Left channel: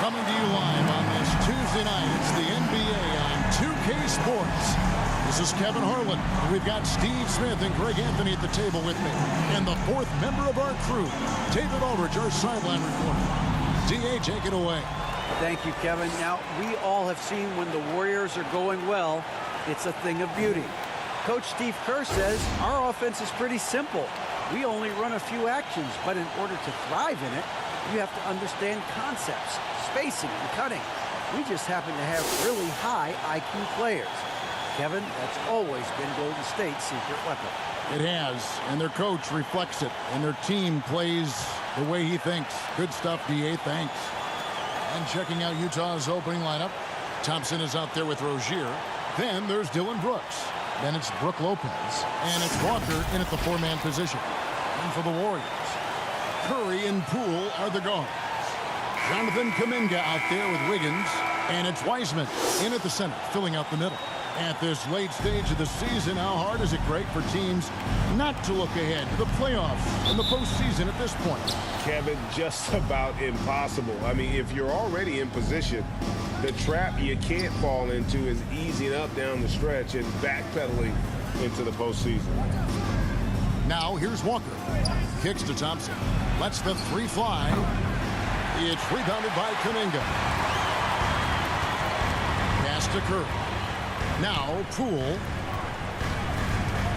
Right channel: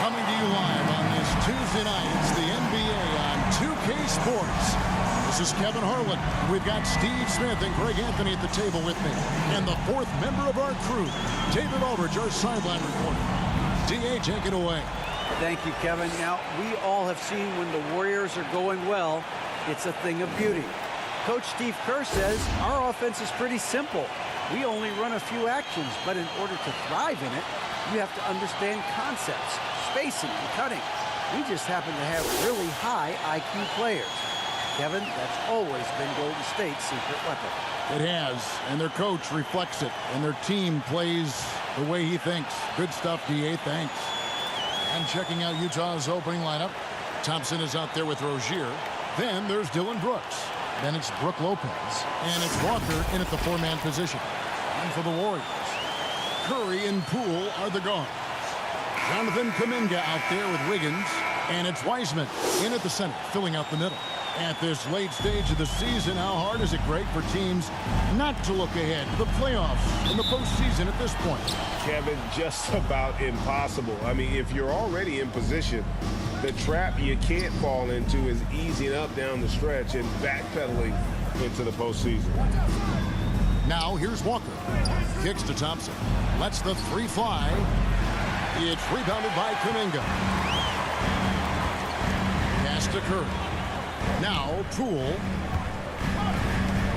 Coming to you live on this Tuesday night, it's the NBA on 2K Sports. This is Kevin Harlan. We've got Steve Smith and Greg Anthony at the table with me. And the fourth member of our crew, David Aldridge, our sideline reporter. DA, take it away. Thank you, Kevin. Now, we all have seen when the Warriors are going well, it's a thing of beauty. Coach Steve Kerr says our offense is pretty simple. We only run a few actions, but in order to thrive in it, you have to understand concepts, spacing, and cutting. We just happen to have really high IQ players. Kevin, that's always been Golden State's secret weapon. It has, and their coach reflects it, and their team plays the way he thinks. Good stuff, DA, thanks. And checking out Utah's opening lineup, Thompson is out there with Rozier. Then there's Dillon Brooks. Then it's Brook Lopez. And it's Walker in at the four-man position. And for the Warriors, Curry and Poole are the guards. Jonathan Kuminga out there with Wiggins. And it's Wiseman in at the center, filling out the middle. At this late stage of the season, how hard is it, Greg, for teams not to look ahead to the playoffs and the postseason at this point? Kevin, just about impossible. I mean, if you're already in position, the trap you can't fall into is easing up down the stretch and backpedaling into the postseason. Now, here's Walker. Kicks to Thompson. Lets the three fly. It's rebounded by Kuminga. Pass to Curry. Now, Poole.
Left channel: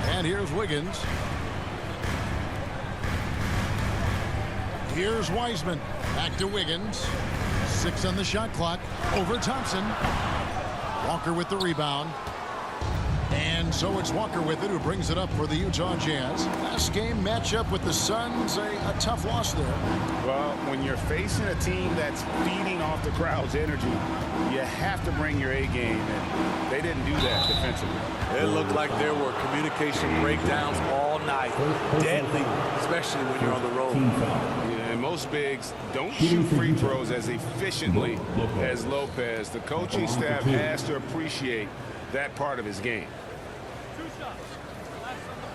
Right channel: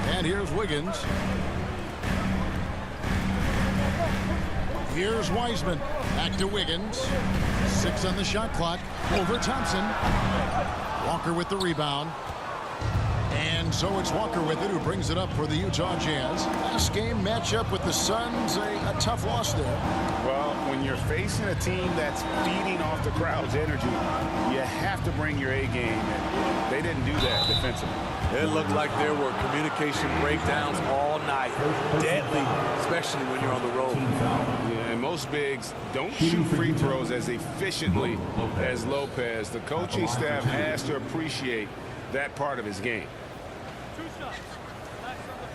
And here's Wiggins. Here's Wiseman. Back to Wiggins. 6 on the shot clock. Over Thompson. Walker with the rebound. And so it's Walker with it, who brings it up for the Utah Jazz. Last game matchup with the Suns, a tough loss there. Well, when you're facing a team that's feeding off the crowd's energy, you have to bring your A game, and they didn't do that defensively. It looked like there were communication breakdowns all night. Deadly, especially when you're on the road. Yeah, and most bigs don't shoot free throws as efficiently as Lopez. The coaching staff has to appreciate that part of his game. 2 shots. Relax on the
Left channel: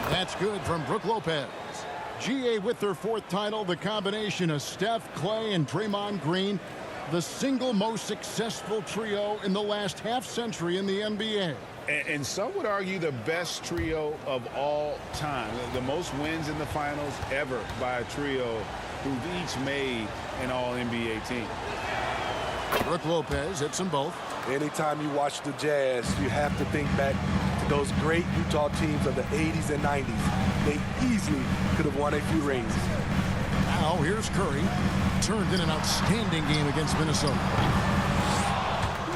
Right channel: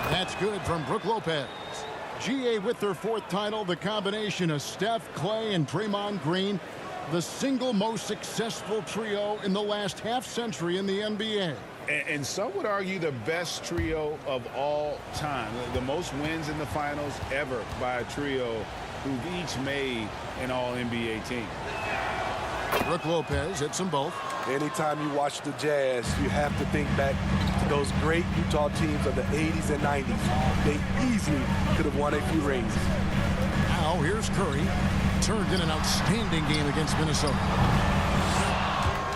first. That's good from Brook Lopez. GA with their 4th title, the combination of Steph, Clay, and Draymond Green, the single most successful trio in the last half-century in the NBA. And some would argue the best trio of all time. The most wins in the finals ever by a trio who've each made an all-NBA team. Brook Lopez hits them both. Anytime you watch the Jazz, you have to think back to those great Utah teams of the 80s and 90s. They easily could have won a few rings. Now here's Curry. Turned in an outstanding game against Minnesota.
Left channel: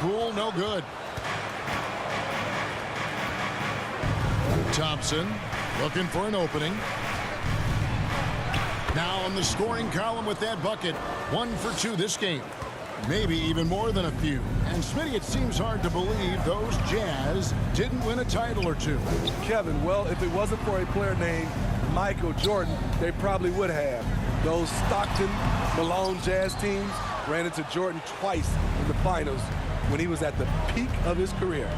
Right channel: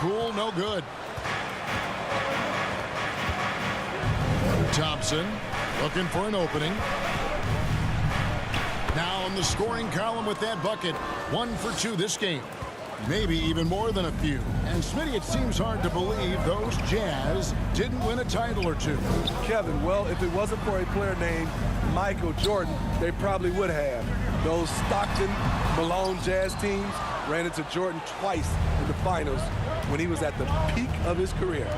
Poole, no good. Thompson looking for an opening. Now on the scoring column with that bucket. 1 for 2 this game. Maybe even more than a few. And Smitty, it seems hard to believe those Jazz didn't win a title or two. Kevin, well, if it wasn't for a player named Michael Jordan, they probably would have. Those Stockton, Malone Jazz teams ran into Jordan twice in the finals when he was at the peak of his career.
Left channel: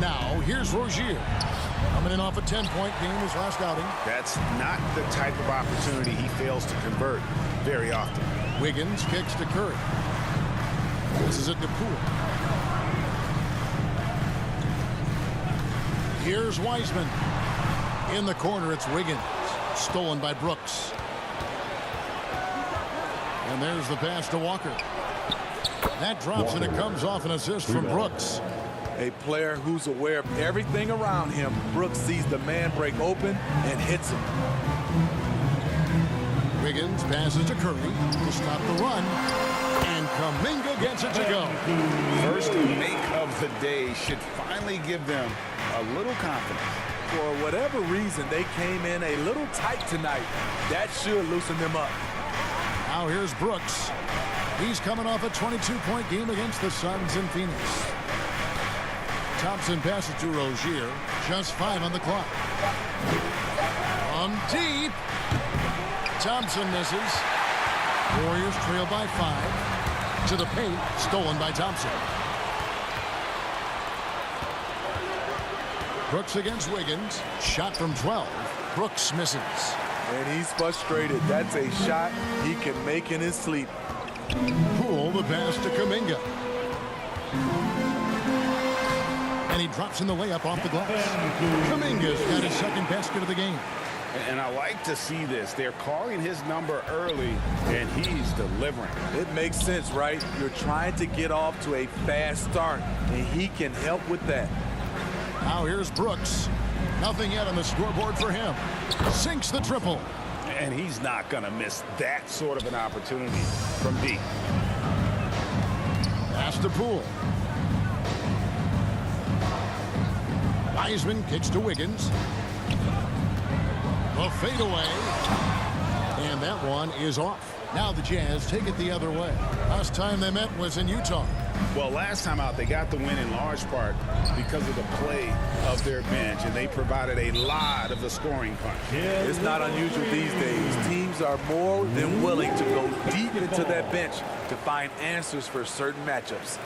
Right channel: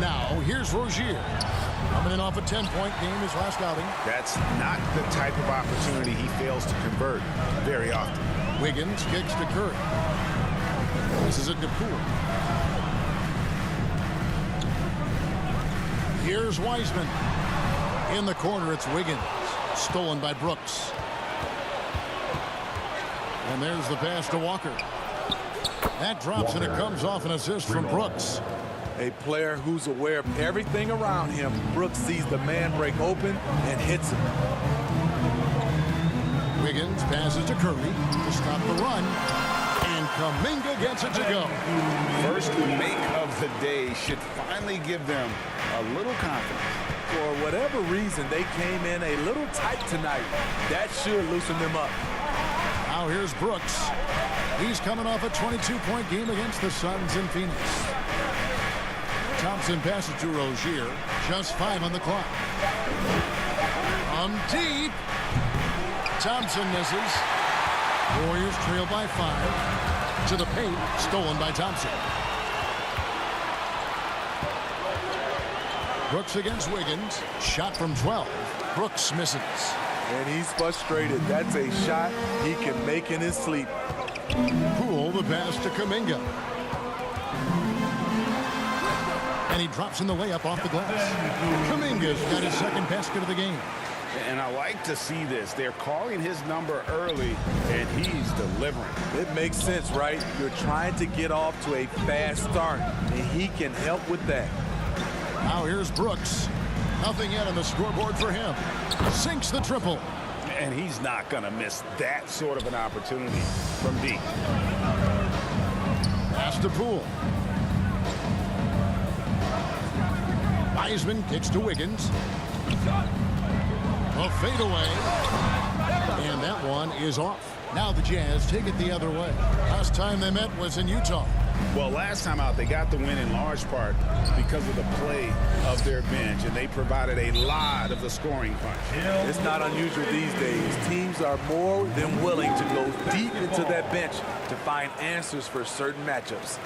Now here's Rozier. Coming in off a 10-point game his last outing. That's not the type of opportunity he fails to convert very often. Wiggins kicks to Curry. This is it to Poole. Here's Wiseman. In the corner, it's Wiggins. Stolen by Brooks. And there's the pass to Walker. That drops and it comes off an assist from Brooks. A player who's aware of everything around him. Brooks sees the man break open and hits him. Wiggins passes to Curry to stop the run. And Kuminga gets it to go. First make of the day should finally give them a little confidence. For whatever reason, they came in a little tight tonight. That should loosen them up. Now here's Brooks. He's coming off a 22-point game against the Suns in Phoenix. Thompson passes to Rozier. Just 5 on the clock. From deep. Thompson misses. Warriors trail by 5. To the paint. Stolen by Thompson. Brooks against Wiggins. Shot from 12. Brooks misses. And he's frustrated. That's a shot he can make in his sleep. Poole the pass to Kuminga. And he drops in the layup off the glass. Kuminga's got his second basket of the game. And I like to see this. They're calling his number early, and he's delivering. It makes sense, right? You're trying to get off to a fast start, and he can help with that. Now here's Brooks. Nothing yet on the scoreboard for him. Sinks the triple. And he's not going to miss that sort of an opportunity from deep. Pass to Poole. Wiseman kicks to Wiggins. A fadeaway. And that one is off. Now the Jazz take it the other way. Last time they met was in Utah. Well, last time out, they got the win in large part because of the play of their bench, and they provided a lot of the scoring punch. It's not unusual these days. Teams are more than willing to go deep into that bench to find answers for certain matchups.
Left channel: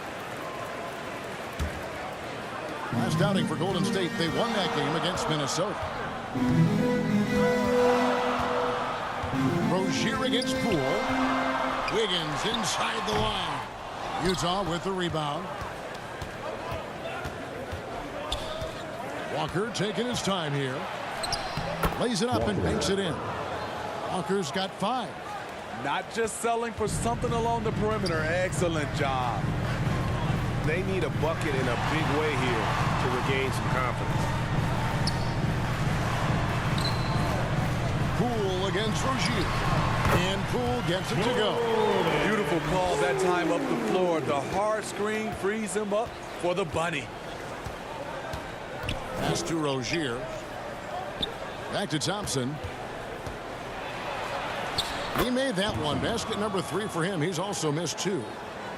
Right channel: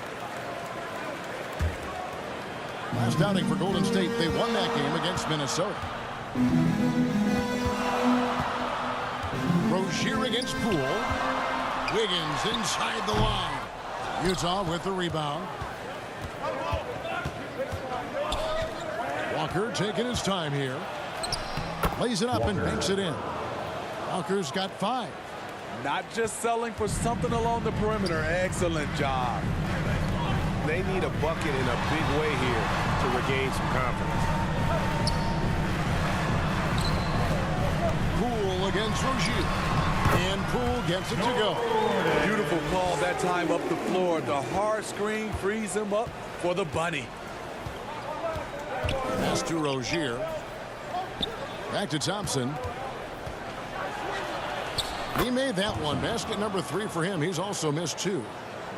Last outing for Golden State, they won that game against Minnesota. Rozier against Poole. Wiggins inside the line. Utah with the rebound. Walker taking his time here. Lays it up and banks it in. Walker's got 5. Not just selling for something along the perimeter. Excellent job. They need a bucket in a big way here to regain some confidence. Poole against Rozier. And Poole gets it to go. Beautiful call that time up the floor. The hard screen frees him up for the bunny. Pass to Rozier. Back to Thompson. He made that one. Basket number 3 for him. He's also missed 2.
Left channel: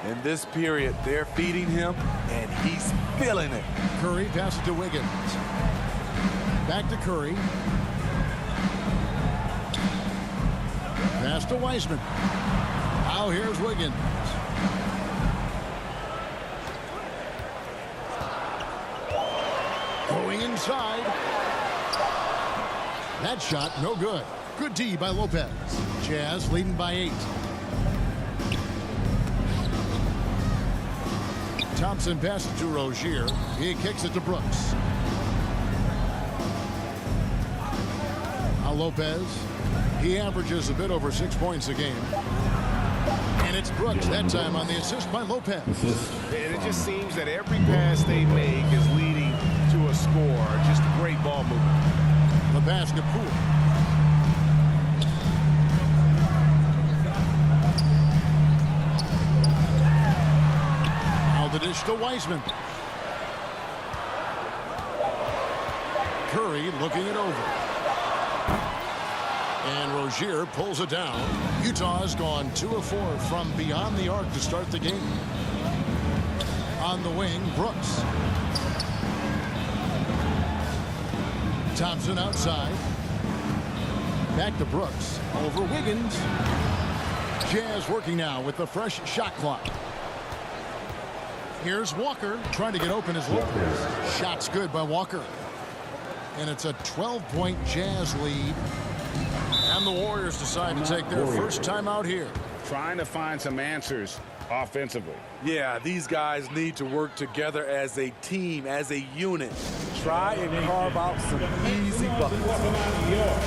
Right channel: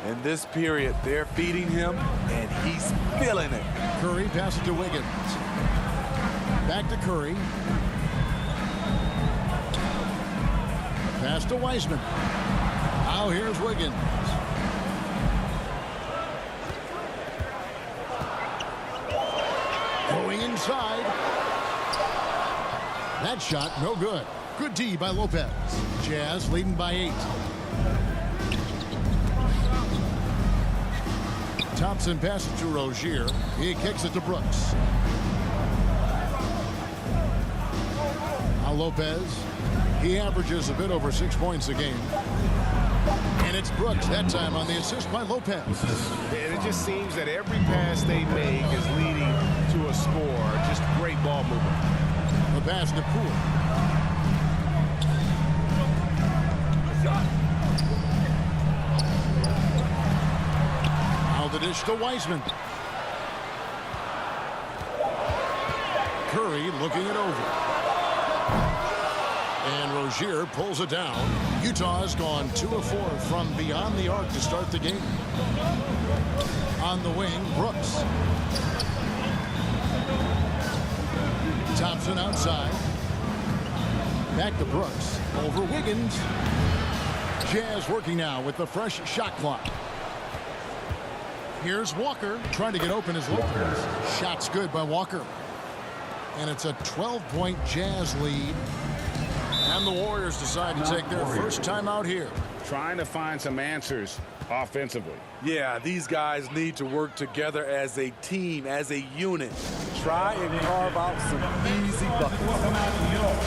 In this period, they're feeding him, and he's feeling it. Curry passes to Wiggins. Back to Curry. Pass to Wiseman. Now here's Wiggins. Going inside. That shot, no good. Good D by Lopez. Jazz leading by 8. Thompson passes to Rozier. He kicks it to Brooks. Now Lopez. He averages a bit over 6 points a game. And it's Brooks that time on the assist by Lopez. And it just seems that every pass they make is leading to a score. Just great ball movement. The pass to Poole. Now the dish to Wiseman. Curry looking it over. And Rozier pulls it down. Utah has gone 2 of 4 from beyond the arc to start the game. On the wing, Brooks. Thompson outside. Back to Brooks. Over Wiggins. Jazz working now with the fresh shot clock. Here's Walker trying to get open as Lopez. Shot's good by Walker. And it's a 12-point Jazz lead. And the Warriors decide to take their first time out here. Trying to find some answers offensively. Yeah, these guys need to work together as a team, as a unit. Try and carve out some easy buckets. Welcome out your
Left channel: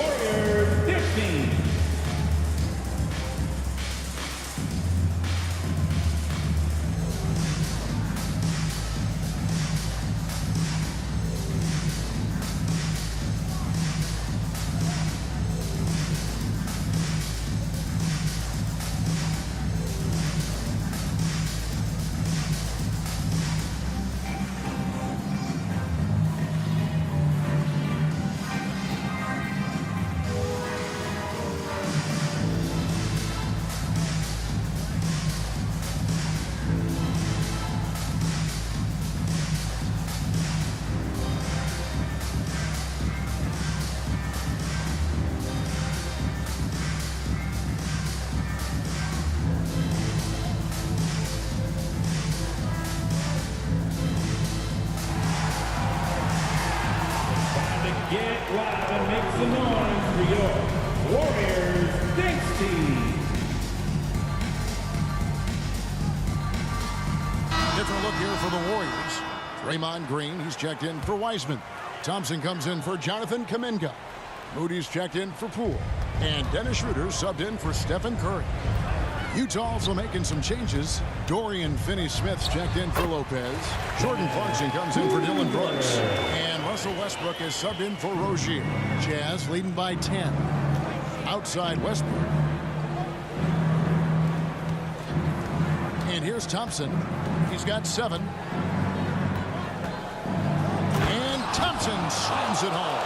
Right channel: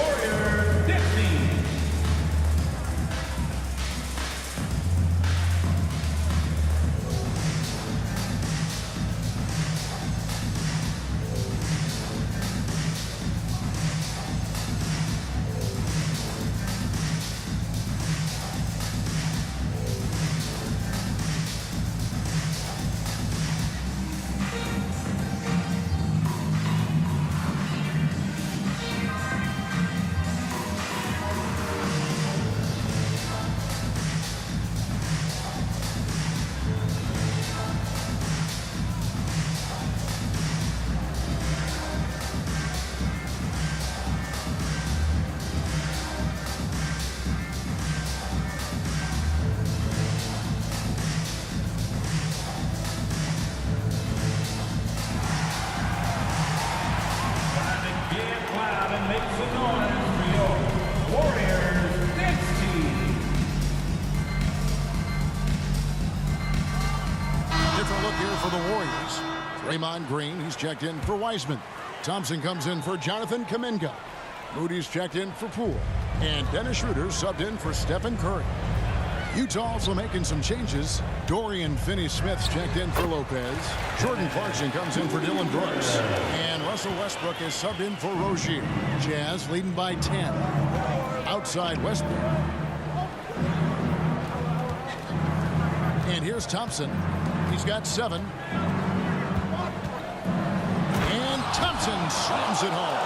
Warriors Dick Team. some noise for your Warriors dance team. Different look here for the Warriors. Draymond Green, he's checked in for Wiseman. Thompson comes in for Jonathan Kuminga. Moody's checked in for Poole. And Dennis Schroeder subbed in for Stephen Curry. Utah also making some changes. Dorian Finney-Smith's checked in for Lopez. Jordan Clarkson comes in for Dylan Brooks. And Russell Westbrook is subbed in for Rozier. Jazz leading by 10. Outside Westbrook. And here's Thompson. He's got 7. And Thompson slams it home.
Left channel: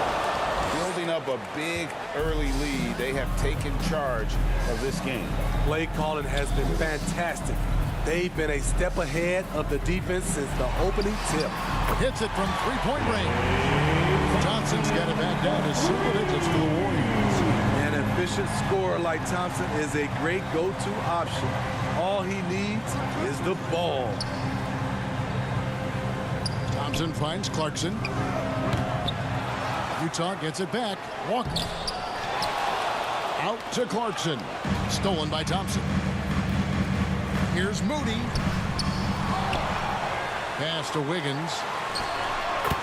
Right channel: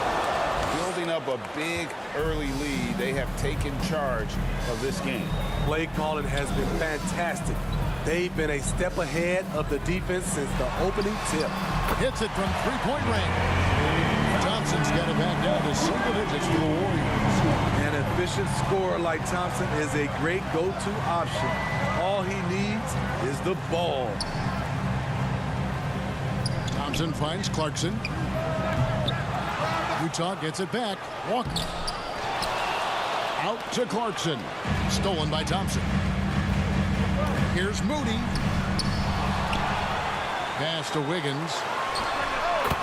Building up a big early lead, they have taken charge of this game. Play calling has been fantastic. They've been a step ahead of the defense since the opening tip. Hits it from three-point range. Thompson's got it back down to single digits for the Warriors. An efficient scorer like Thompson is a great go-to option. All he needs is the ball. Thompson finds Clarkson. Utah gets it back. Walker. Out to Clarkson. Stolen by Thompson. Here's Moody. Pass to Wiggins.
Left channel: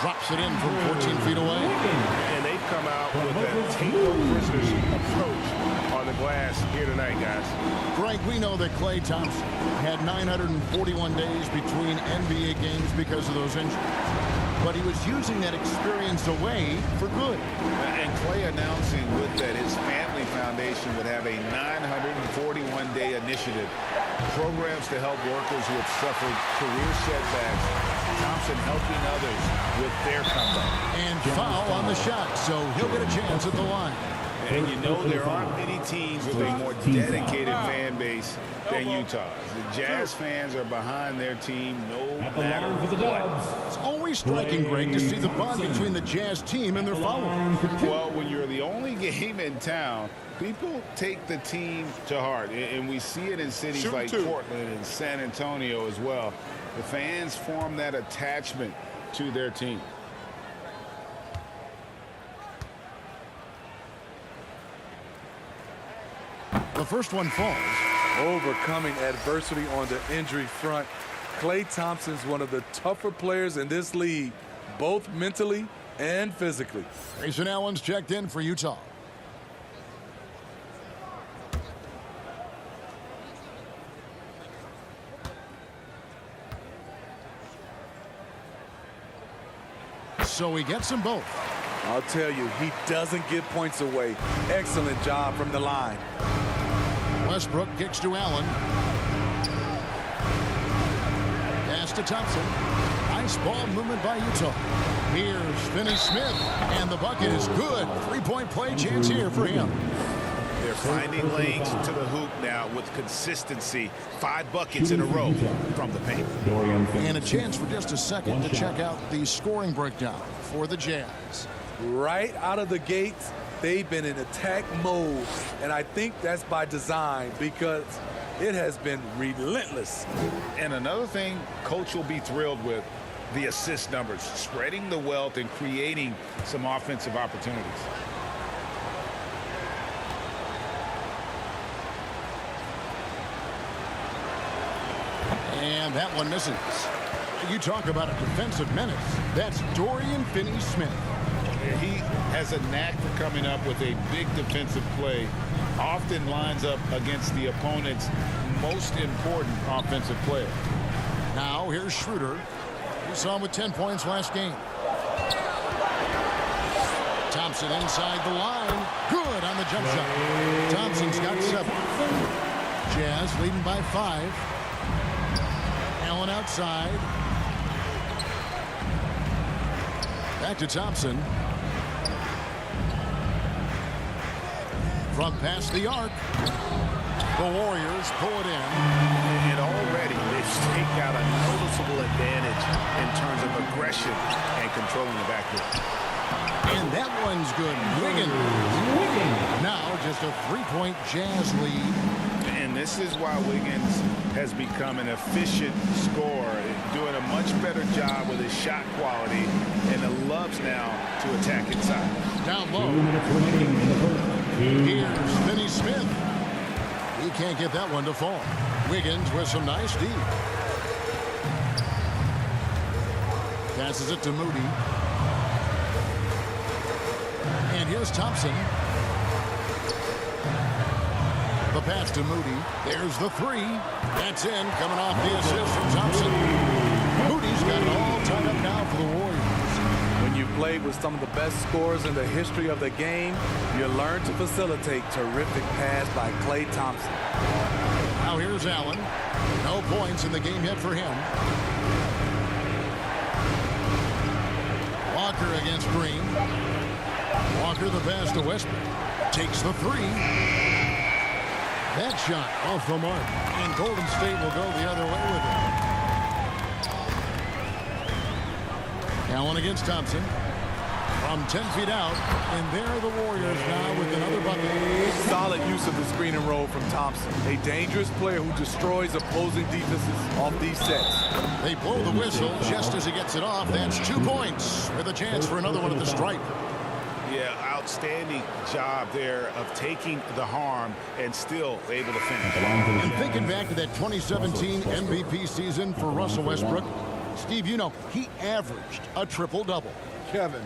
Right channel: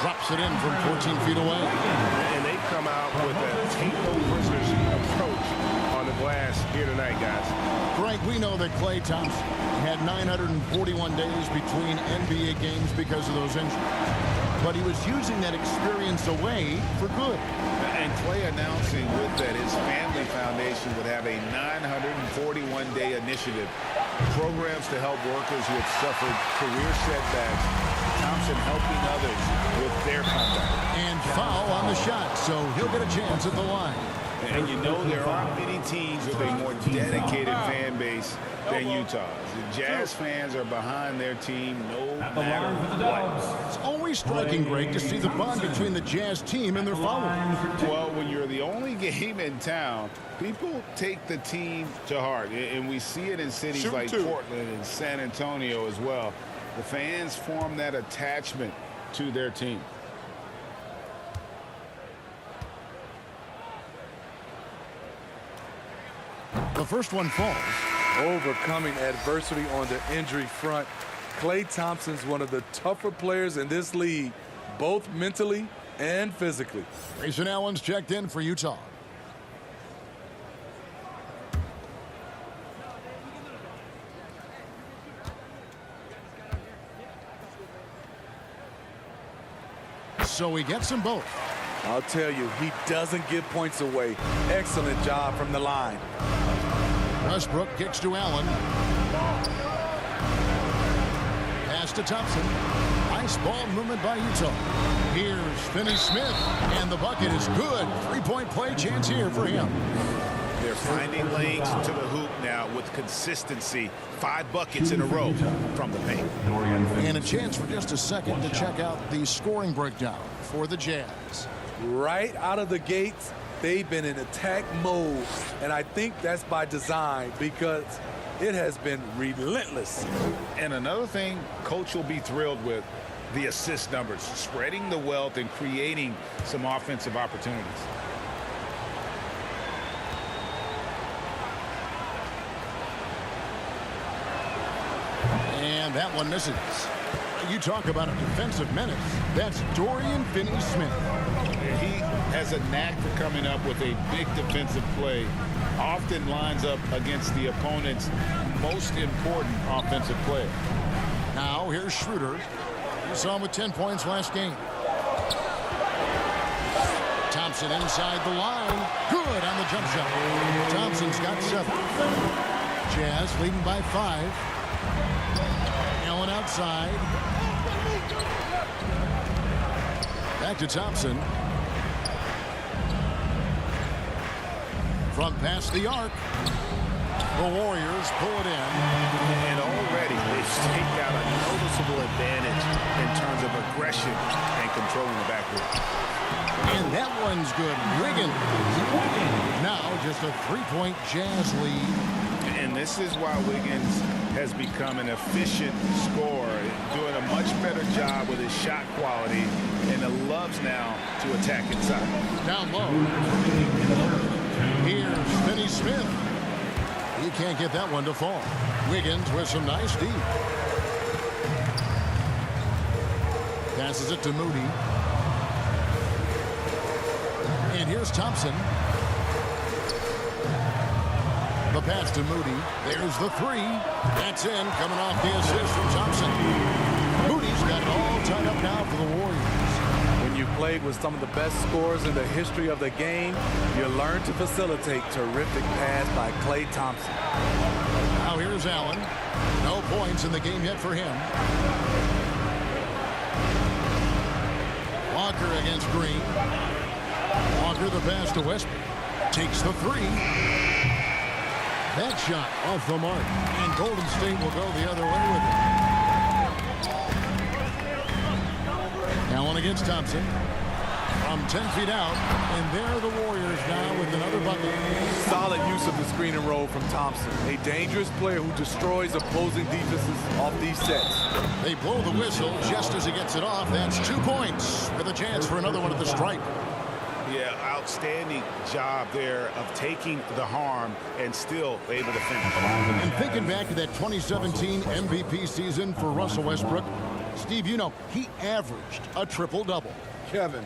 Drops it in from 14 feet away. And they've come out with a take no prisoners approach on the glass here tonight, guys. Greg, we know that Klay Thompson had 941 days between NBA games because of those injuries. But he was using that experience away for good. And Klay announcing with that his family foundation would have a 941-day initiative. Programs to help workers who have suffered career setbacks. Thompson helping others with their comeback. And foul on the shot, so he'll get a chance at the line. And you know there aren't many teams with a more dedicated fan base than Utah's. The Jazz fans are behind their team no matter what. It's always striking, Greg, to see the bond between the Jazz team and their followers. Well, when you're the only game in town, people take the team to heart. And we see it in cities like Portland and San Antonio as well. The fans form that attachment to their team. The first one falls. Overcoming adversity on the injury front. Klay Thompson's one of the tougher players in this league, both mentally and physically. Grayson Allen's checked in for Utah. So he gets them both. I'll tell you, he doesn't give points away. Excellent job from the line. Westbrook kicks to Allen. Pass to Thompson. Nice ball movement by Utah. Here's Finney-Smith, and the bucket is good. Three-point play chance here for him. They're finding lanes to the hoop now with consistency. 5 buckets in a row from the paint. And a chance for just a second to check out the scoring breakdown for the Jazz. Right out of the gates, they've been in attack mode, and I think that's by design because it has been relentless. And another thing coach will be thrilled with, the assist numbers, spreading the wealth and creating some offensive opportunities. And that one misses. You talk about a defensive menace. That's Dorian Finney-Smith. He has a knack for coming up with a big defensive play. Often lines up against the opponent's most important offensive player. Now here's Schroeder. You saw him with 10 points last game. Thompson inside the line. Good on the jump shot. Thompson's got 7. Jazz leading by 5. Allen outside. Back to Thompson. From past the arc. The Warriors pull it in. And already they've staked out a noticeable advantage in terms of aggression and controlling the backcourt. And that one's good. Wiggins. Now just a 3-point Jazz lead. And this is why Wiggins has become an efficient scorer, doing a much better job with his shot quality and loves now to attack inside. Down low. Here's Finney-Smith. He can't get that one to fall. Wiggins with some nice D. Passes it to Moody. And here's Thompson. The pass to Moody. There's the three. That's in, coming off the assist from Thompson. Moody's got it all tied up now for the Warriors. When you've played with some of the best scorers in the history of the game, you learn to facilitate. Terrific pass by Klay Thompson. Now here's Allen. No points in the game yet for him. Walker against Green. Walker the pass to Westbrook. Takes the three. That shot off the mark. And Golden State will go the other way with it. Allen against Thompson. From 10 feet out. And there are the Warriors now with another bucket. Solid use of the screen and roll from Thompson. A dangerous player who destroys opposing defenses off these sets. They blow the whistle just as he gets it off. That's 2 points with a chance for another one at the stripe. Yeah, outstanding job there of taking the harm and still able to finish. And thinking back to that 2017 MVP season for Russell Westbrook, Steve, you know, he averaged a triple-double. Kevin,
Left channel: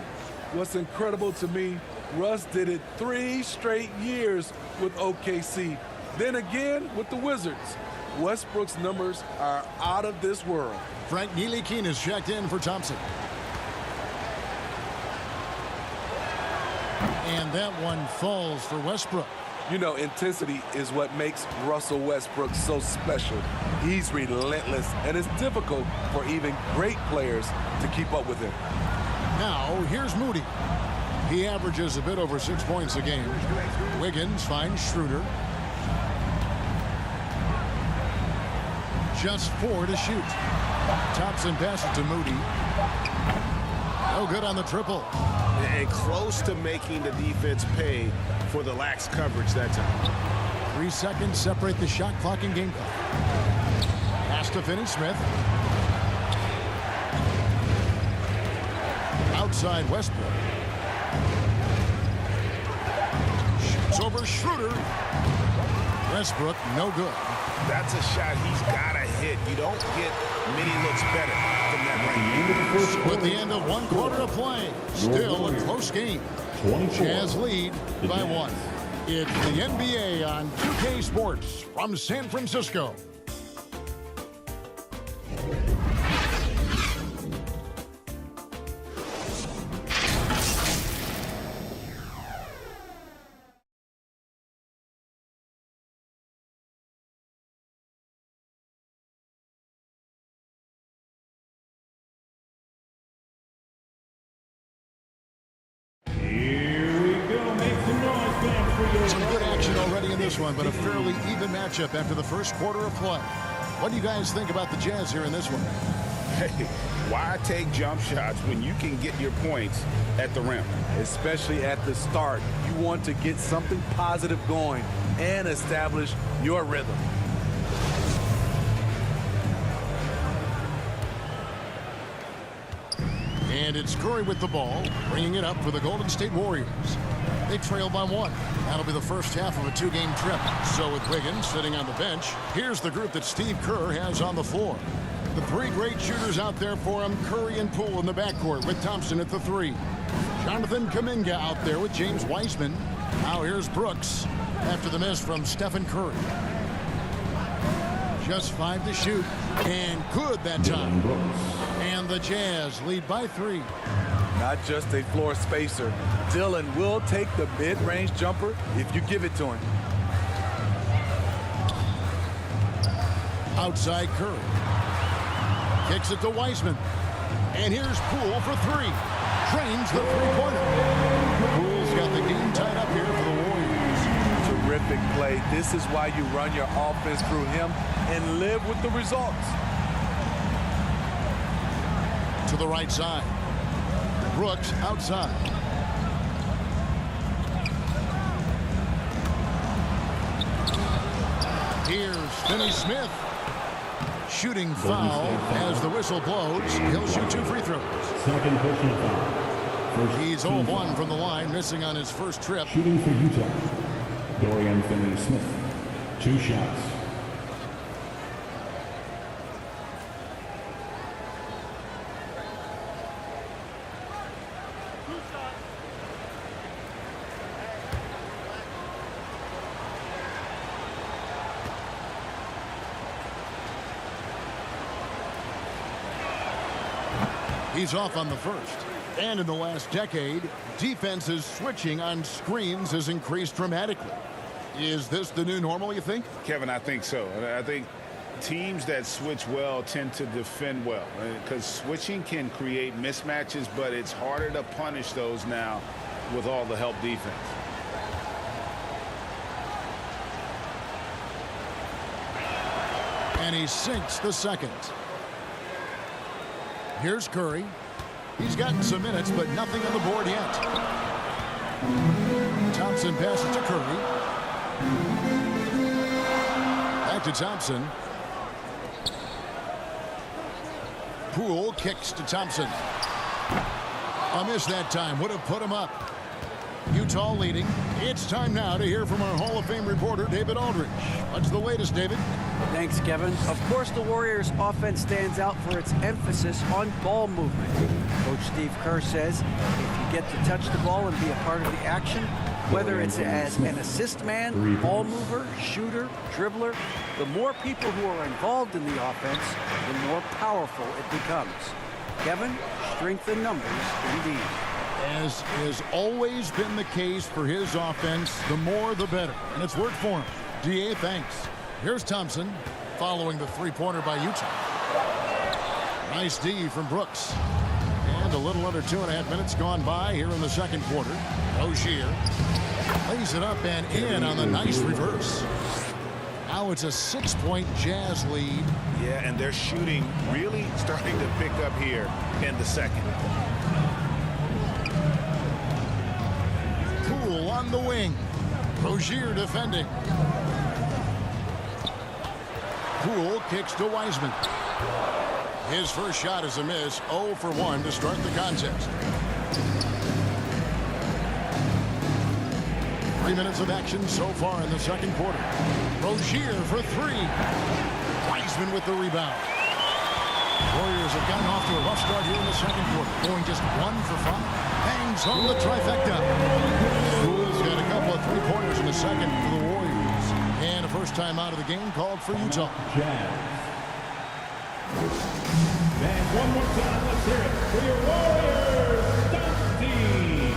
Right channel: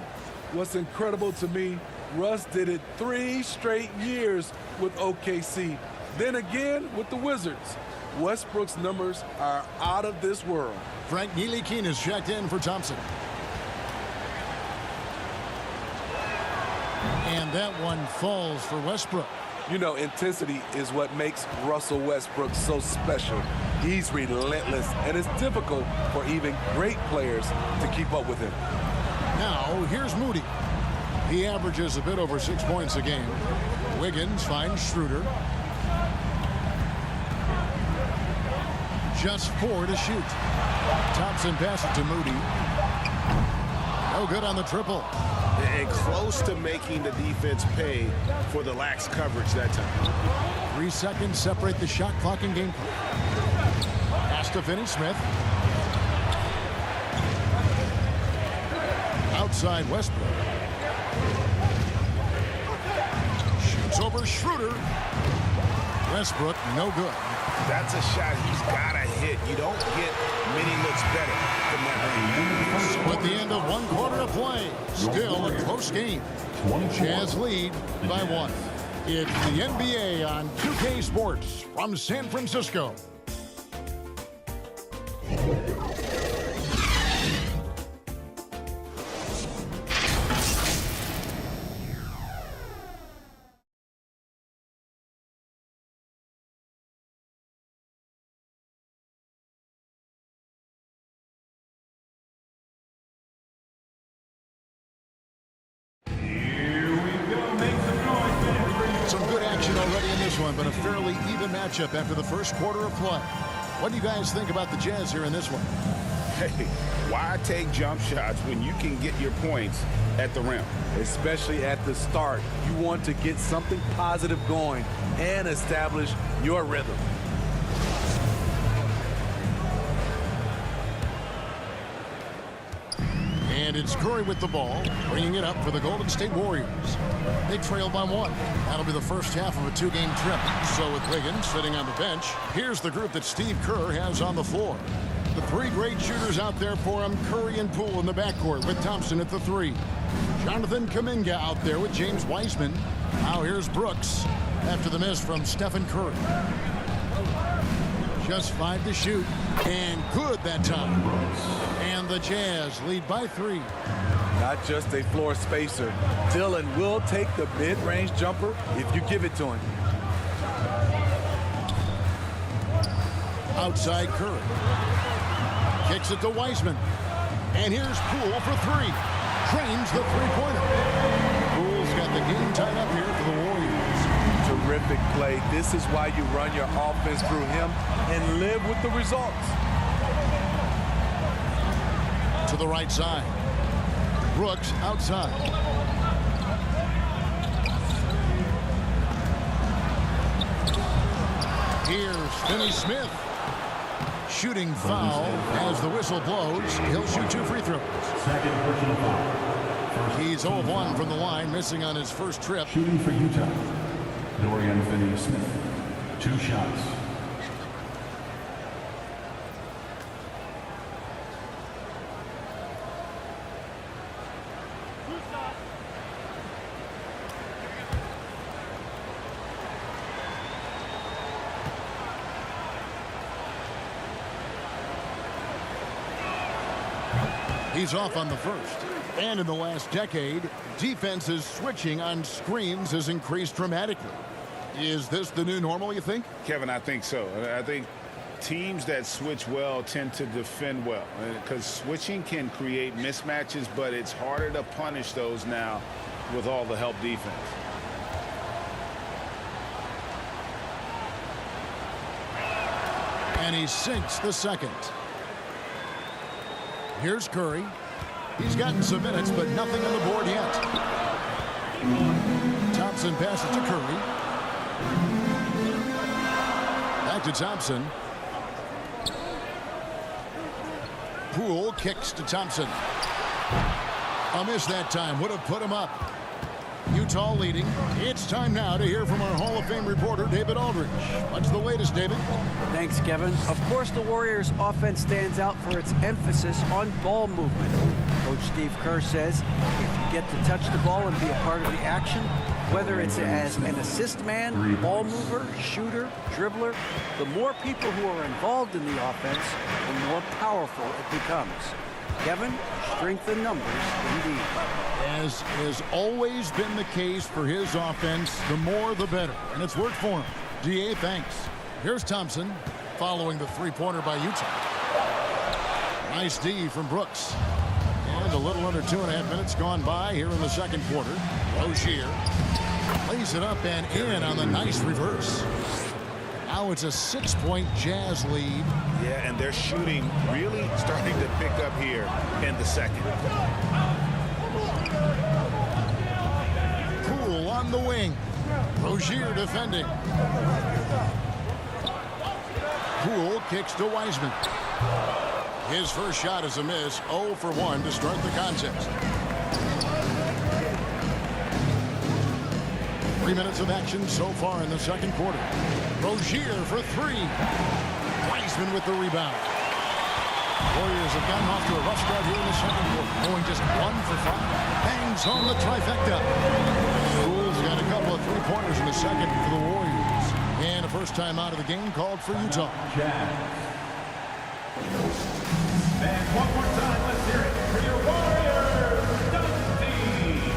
what's incredible to me, Russ did it 3 straight years with OKC. Then again with the Wizards. Westbrook's numbers are out of this world. Frank Ntilikina is checked in for Thompson. And that one falls for Westbrook. You know, intensity is what makes Russell Westbrook so special. He's relentless, and it's difficult for even great players to keep up with him. Now, here's Moody. He averages a bit over 6 points a game. Wiggins finds Schroeder. Just 4 to shoot. Thompson passes to Moody. No good on the triple. And close to making the defense pay for the lax coverage that time. 3 seconds separate the shot clock and game clock. Pass to Finney-Smith. Outside Westbrook. Shoots over Schroeder. Westbrook, no good. That's a shot he's got to hit. You don't get many looks better from that range. So at the end of 1 quarter of play, still a close game. Jazz lead by 1. It's the NBA on 2K Sports from San Francisco. Some good action already in this one, but a fairly even matchup after the first quarter of play. What do you guys think about the Jazz here in this one? Hey, why take jump shots when you can get your points at the rim? Especially at the start. You want to get something positive going and establish your rhythm. And it's Curry with the ball, bringing it up for the Golden State Warriors. They trail by 1. That'll be the first half of a 2-game trip. So with Wiggins sitting on the bench, here's the group that Steve Kerr has on the floor. The 3 great shooters out there for him, Curry and Poole in the backcourt with Thompson at the 3. Jonathan Kuminga out there with James Wiseman. Now here's Brooks after the miss from Stephen Curry. Just 5 to shoot, and good that time. And the Jazz lead by 3. Not just a floor spacer. Dillon will take the mid-range jumper if you give it to him. Outside Curry. Kicks it to Wiseman. And here's Poole for 3. Drains the three-pointer. Poole's got the game tied up here for the Warriors. Terrific play. This is why you run your offense through him and live with the results. To the right side. Brooks outside. Here's Finney-Smith. Shooting foul as the whistle blows. He'll shoot 2 free throws. Second personal foul. First He's 0 of 1 from the line, missing on his first trip. Shooting for Utah, Dorian Finney-Smith. 2 shots. He's off on the first. And in the last decade, defenses switching on screens has increased dramatically. Is this the new normal, you think? Kevin, I think so. I think teams that switch well tend to defend well, because switching can create mismatches, but it's harder to punish those now with all the help defense. And he sinks the second. Here's Curry. He's gotten some minutes, but nothing on the board yet. Thompson passes to Curry. Back to Thompson. Poole kicks to Thompson. A miss that time. Would have put him up. Utah leading. It's time now to hear from our Hall of Fame reporter, David Aldridge. What's the latest, David? Thanks, Kevin. Of course, the Warriors' offense stands out for its emphasis on ball movement. Coach Steve Kerr says if you get to touch the ball and be a part of the action, whether it's as an assist man, ball mover, shooter, dribbler, the more people who are involved in the offense, the more powerful it becomes. Kevin, strength in numbers indeed. As has always been the case for his offense, the more the better. And it's worked for him. DA, thanks. Here's Thompson following the three-pointer by Utah. Nice D from Brooks. And a little under 2.5 minutes gone by here in the second quarter. Rozier lays it up and in on the nice reverse. Now it's a 6-point Jazz lead. Yeah, and they're shooting really starting to pick up here in the second. Poole on the wing. Rozier defending. Poole kicks to Wiseman. His first shot is a miss. 0 for 1 to start the contest. 3 minutes of action so far in the second quarter. Rozier for 3. Wiseman with the rebound. Warriors have gotten off to a rough start here in the second quarter, going just 1 for 5. Bangs on the trifecta. Poole's got a couple of three-pointers in the second for the Warriors. And a first time out of the game called for Utah. Jazz. And one more time, let's hear it for your Warriors, Dusty.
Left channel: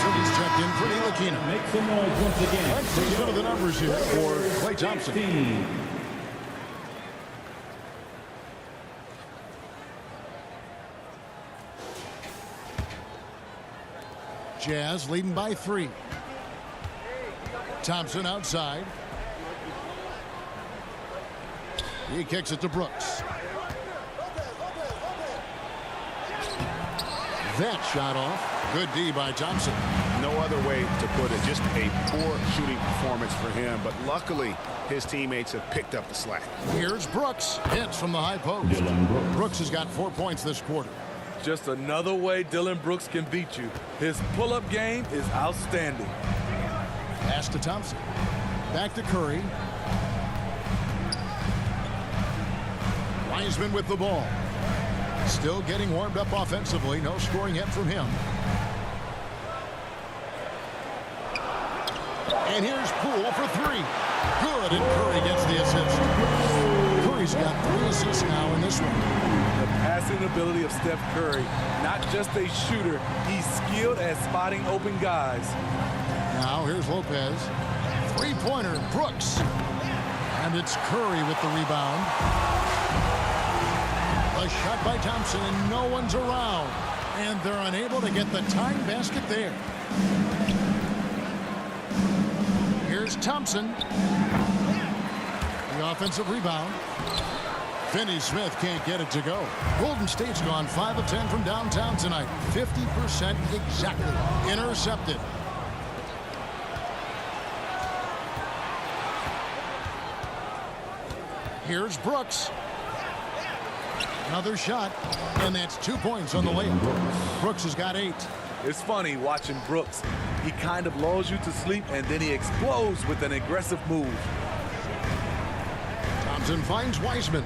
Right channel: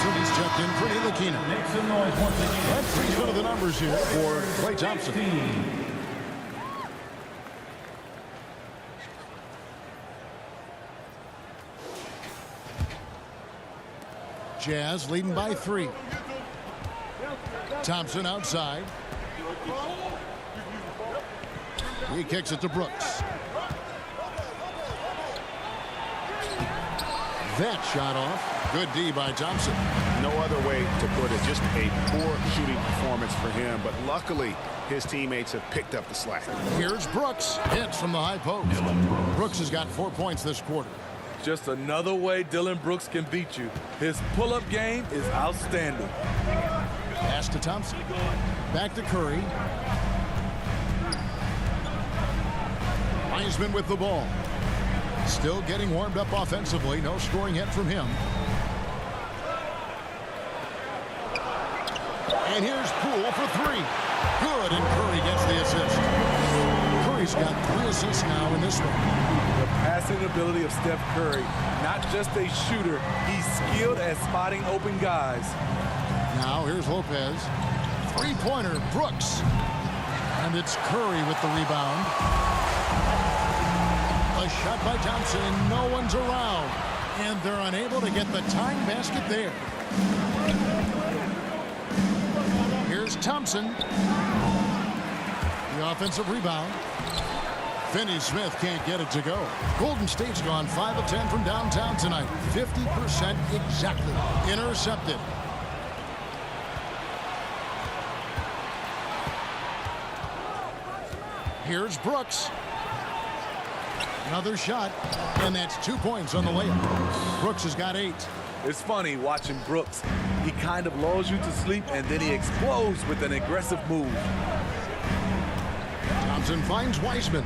He's checked in for Ntilikina. Make some noise once again. Let's see some of the numbers here for Klay Thompson. Jazz leading by 3. Thompson outside. He kicks it to Brooks. That shot off. Good D by Thompson. No other way to put it. Just a poor shooting performance for him. But luckily, his teammates have picked up the slack. Here's Brooks. Hits from the high post. Brooks has got 4 points this quarter. Just another way Dillon Brooks can beat you. His pull-up game is outstanding. Pass to Thompson. Back to Curry. Wiseman with the ball. Still getting warmed up offensively. No scoring yet from him. And here's Poole for three. Good, and Curry gets the assist. Curry's got 3 assists now in this one. The passing ability of Steph Curry, not just a shooter, he's skilled at spotting open guys. Now here's Lopez. Three-pointer, Brooks. And it's Curry with the rebound. A shot by Thompson, and no one's around. And they're unable to get the tying basket there. Here's Thompson. The offensive rebound. Finney-Smith can't get it to go. Golden State's gone 5 of 10 from downtown tonight. 50% exactly. Intercepted. Here's Brooks. Another shot, and that's 2 points on the layup. Brooks has got 8. It's funny watching Brooks. He kind of lulls you to sleep, and then he explodes with an aggressive move. Thompson finds Wiseman.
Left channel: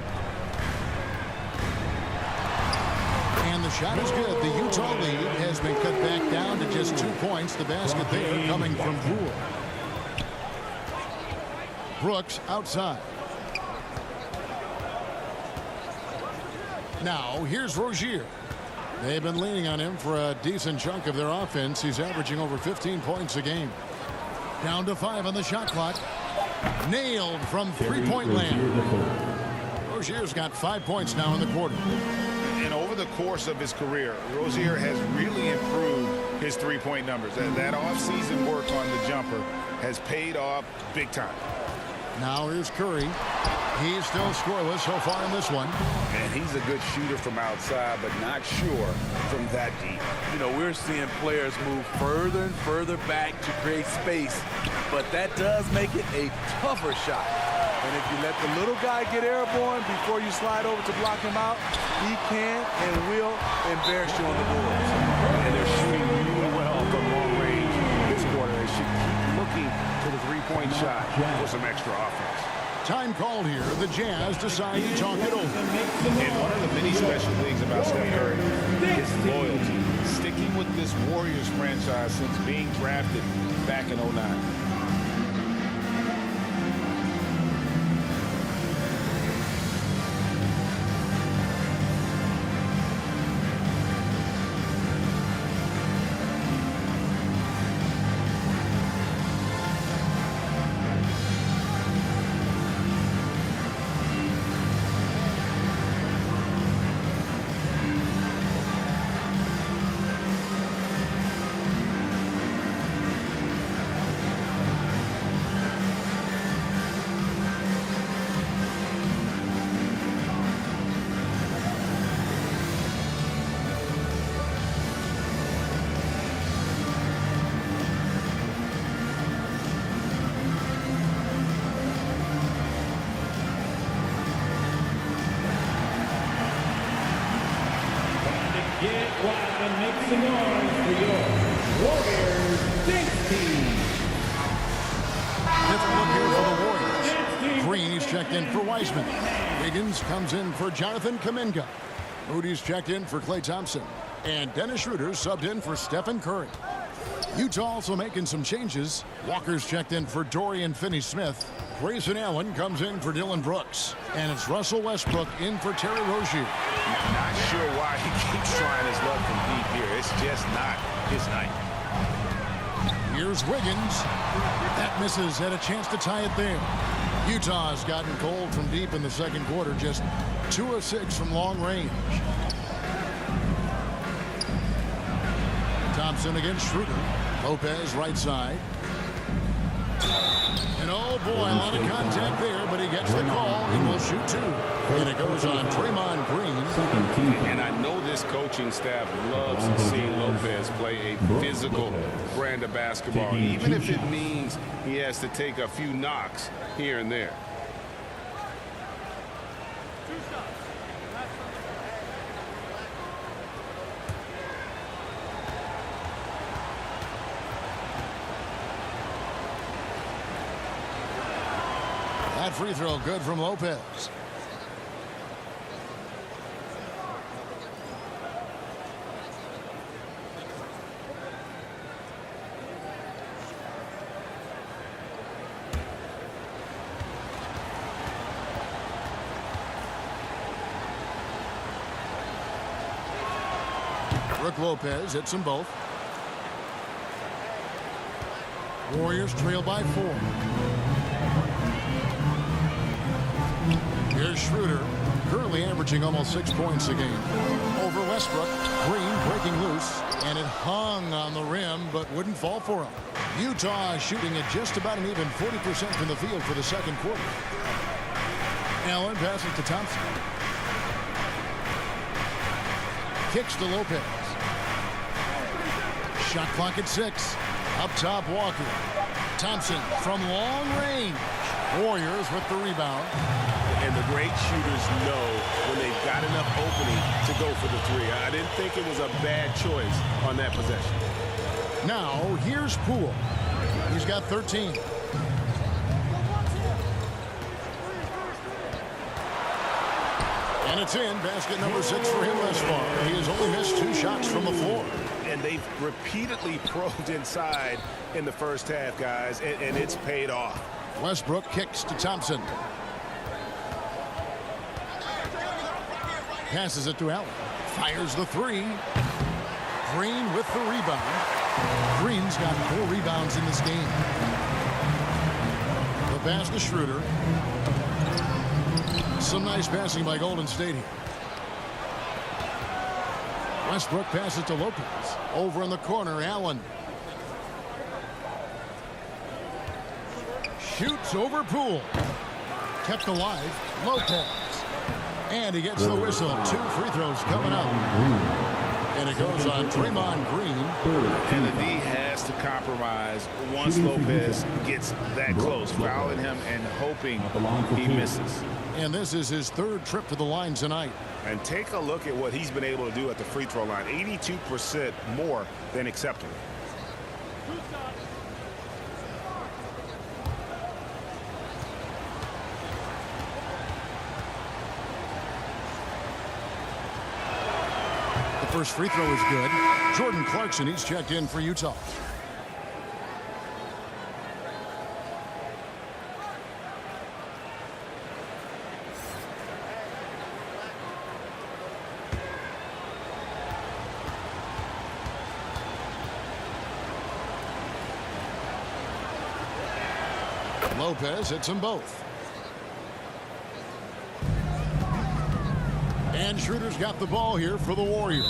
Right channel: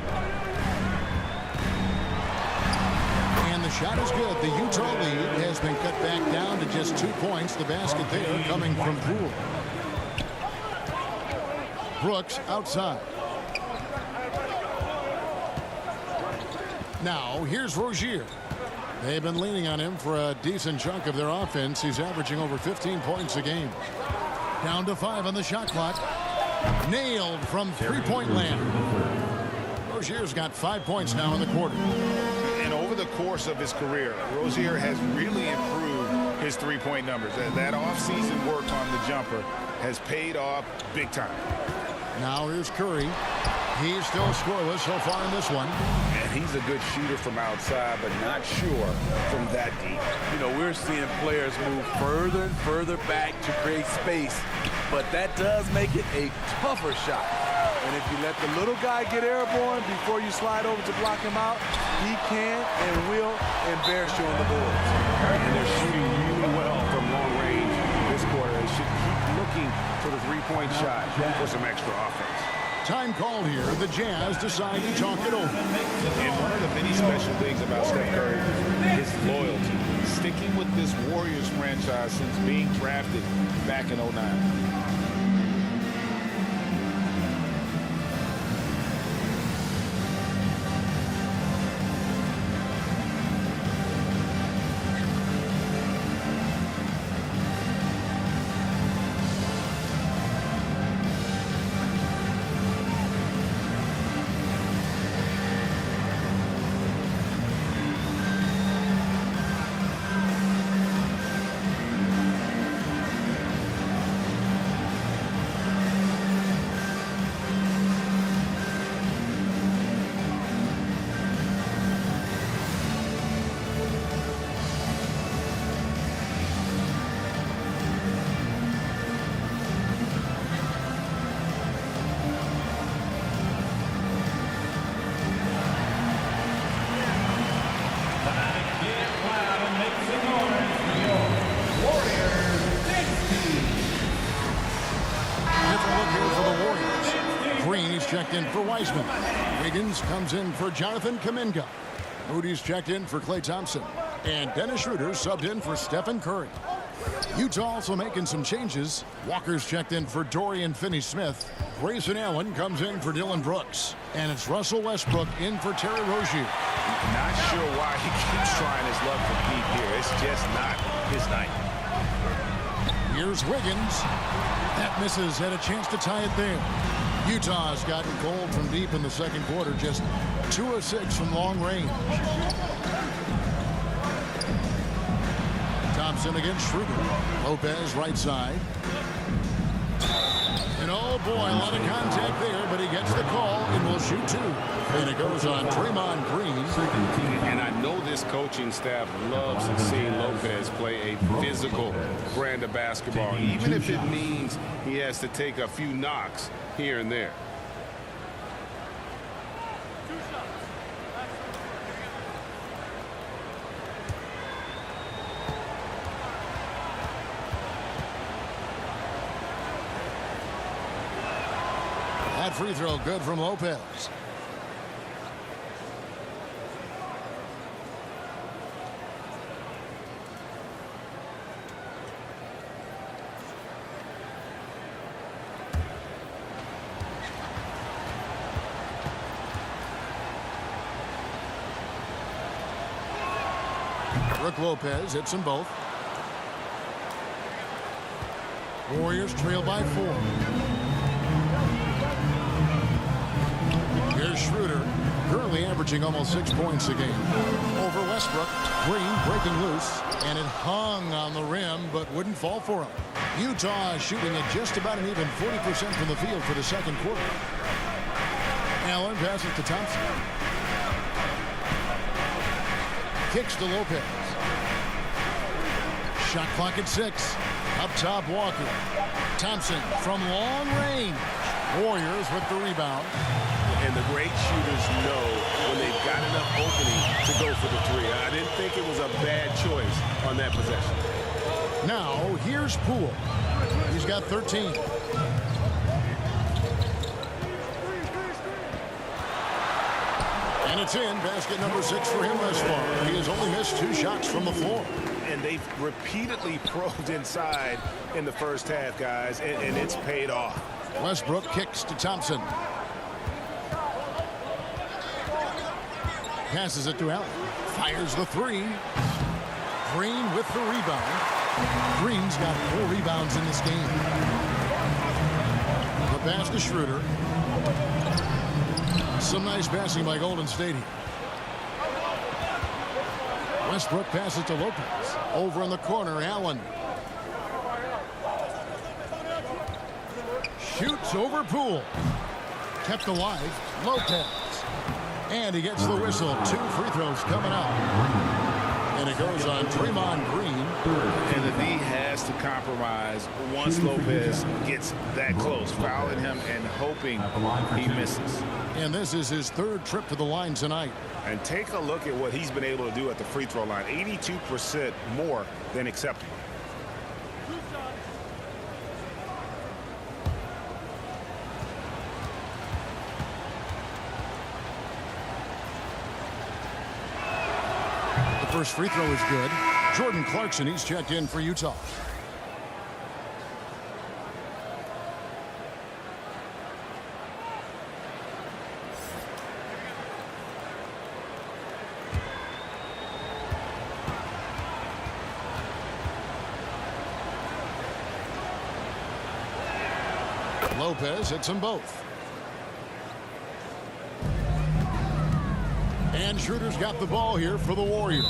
And the shot is good. The Utah lead has been cut back down to just 2 points. The basket there coming from Poole. Brooks outside. Now, here's Rozier. They've been leaning on him for a decent chunk of their offense. He's averaging over 15 points a game. Down to 5 on the shot clock. Nailed from three-point land. Rozier's got 5 points now in the quarter. And over the course of his career, Rozier has really improved his three-point numbers. That offseason work on the jumper has paid off big time. Now here's Curry. He's still scoreless so far in this one. And he's a good shooter from outside, but not sure from that deep. You know, we're seeing players move further and further back to create space, but that does make it a tougher shot. And if you let the little guy get airborne before you slide over to block him out, he can and will embarrass you on the boards. And they're shooting really well from long range this quarter. They should keep looking to the three-point shot for some extra offense. Time called here. The Jazz decide to talk it over. And one of the many special things about Steph Curry is loyalty. Sticking with this Warriors franchise since being drafted back in 09. Get loud and make some noise for your Warriors dance team. Different look here for the Warriors. Green, he's checked in for Wiseman. Wiggins comes in for Jonathan Kuminga. Moody's checked in for Klay Thompson. And Dennis Schroeder subbed in for Stephen Curry. Utah also making some changes. Walker's checked in for Dorian Finney-Smith. Grayson Allen comes in for Dylan Brooks. And it's Russell Westbrook in for Terry Rozier. Not sure why he keeps trying his luck from deep here. It's just not his night. Here's Wiggins. That misses. Had a chance to tie it there. Utah has gotten cold from deep in the second quarter. Just 2 of 6 from long range. Thompson against Schroeder. Lopez right side. And oh boy, a lot of contact there, but he gets the call and will shoot 2. And it goes on Draymond Green. And I know this coaching staff loves seeing Lopez play a physical brand of basketball, even if it means he has to take a few knocks here and there. That free throw good from Lopez. Brook Lopez hits them both. Warriors trail by 4. Here's Schroeder, currently averaging almost 6 points a game. Over Westbrook, Green breaking loose, and it hung on the rim but wouldn't fall for him. Utah shooting at just about an even 40% from the field for the second quarter. Allen passes to Thompson. Kicks to Lopez. Shot clock at 6. Up top, Walker. Thompson from long range. Warriors with the rebound. And the great shooters know when they've got enough opening to go for the three. I didn't think it was a bad choice on that possession. Now, here's Poole. He's got 13. And it's in. Basket number 6 for him thus far. He has only missed 2 shots from the floor. And they've repeatedly probed inside in the first half, guys, and it's paid off. Westbrook kicks to Thompson. Passes it to Allen. Fires the 3. Green with the rebound. Green's got 4 rebounds in this game. The pass to Schroeder. Some nice passing by Golden State here. Westbrook passes to Lopez. Over in the corner, Allen. Shoots over Poole. Kept alive, Lopez. And he gets the whistle. 2 free throws coming up. And it goes on Draymond Green. And the D has to compromise once Lopez gets that close, fouling him and hoping he misses. And this is his 3rd trip to the line tonight. And take a look at what he's been able to do at the free throw line. 82% more than acceptable. The first free throw is good. Jordan Clarkson, he's checked in for Utah. Lopez hits them both. And Schroeder's got the ball here for the Warriors.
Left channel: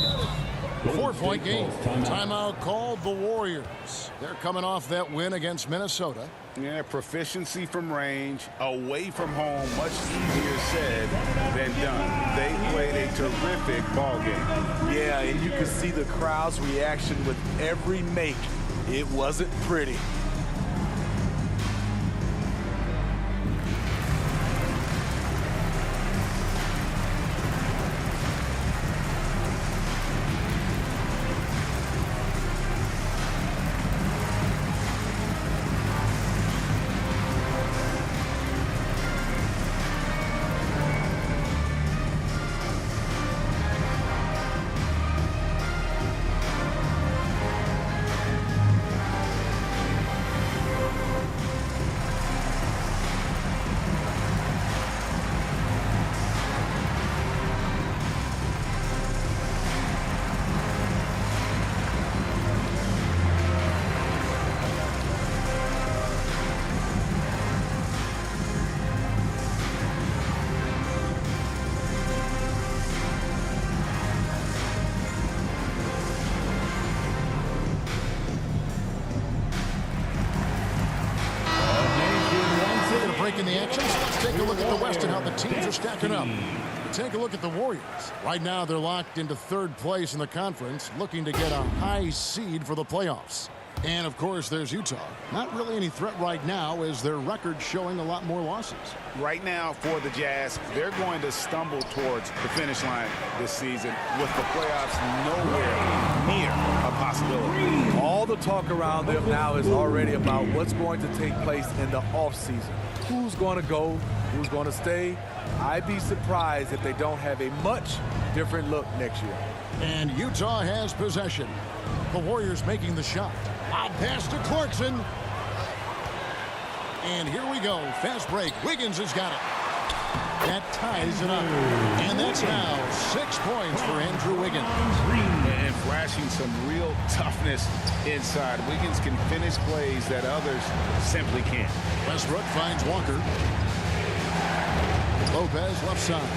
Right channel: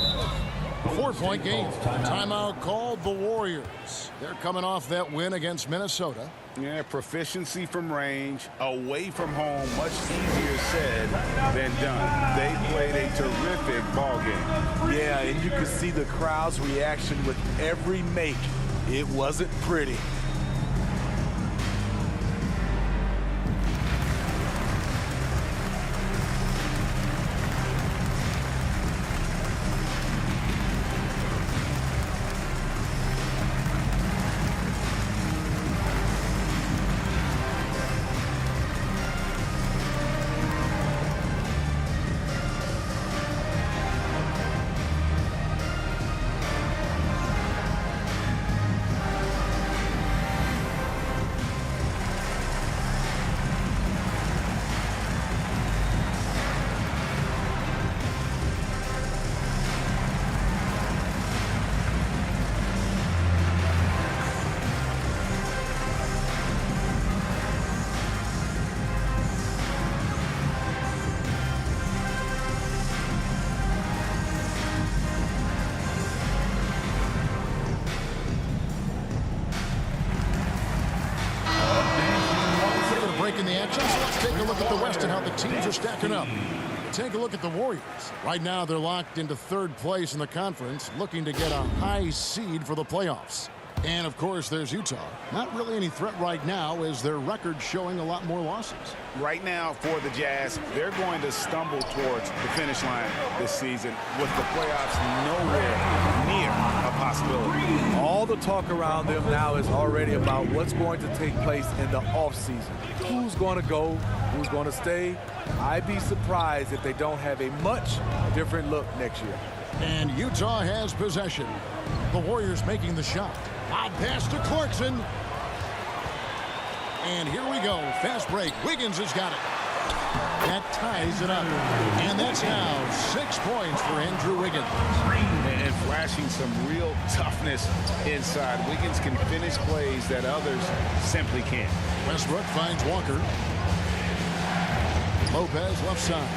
4-point game. Timeout called the Warriors. They're coming off that win against Minnesota. Yeah, proficiency from range, away from home, much easier said than done. They played a terrific ball game. Yeah, and you could see the crowd's reaction with every make. It wasn't pretty. Break in the action, so let's take a look at the West and how the teams are stacking up. Take a look at the Warriors. Right now, they're locked into 3rd place in the conference, looking to get a high seed for the playoffs. And, of course, there's Utah. Not really any threat right now as their record showing a lot more losses. Right now for the Jazz, they're going to stumble towards the finish line this season with the playoffs nowhere near a possibility. All the talk around them now is already about what's going to take place in the offseason. Who's going to go? Who's going to stay? I'd be surprised if they don't have a much different look next year. And Utah has possession. The Warriors making the shot. Lob pass to Clarkson. And here we go. Fast break. Wiggins has got it. That ties it up. And that's now 6 points for Andrew Wiggins. And flashing some real toughness inside. Wiggins can finish plays that others simply can't. Westbrook finds Walker. Lopez left side.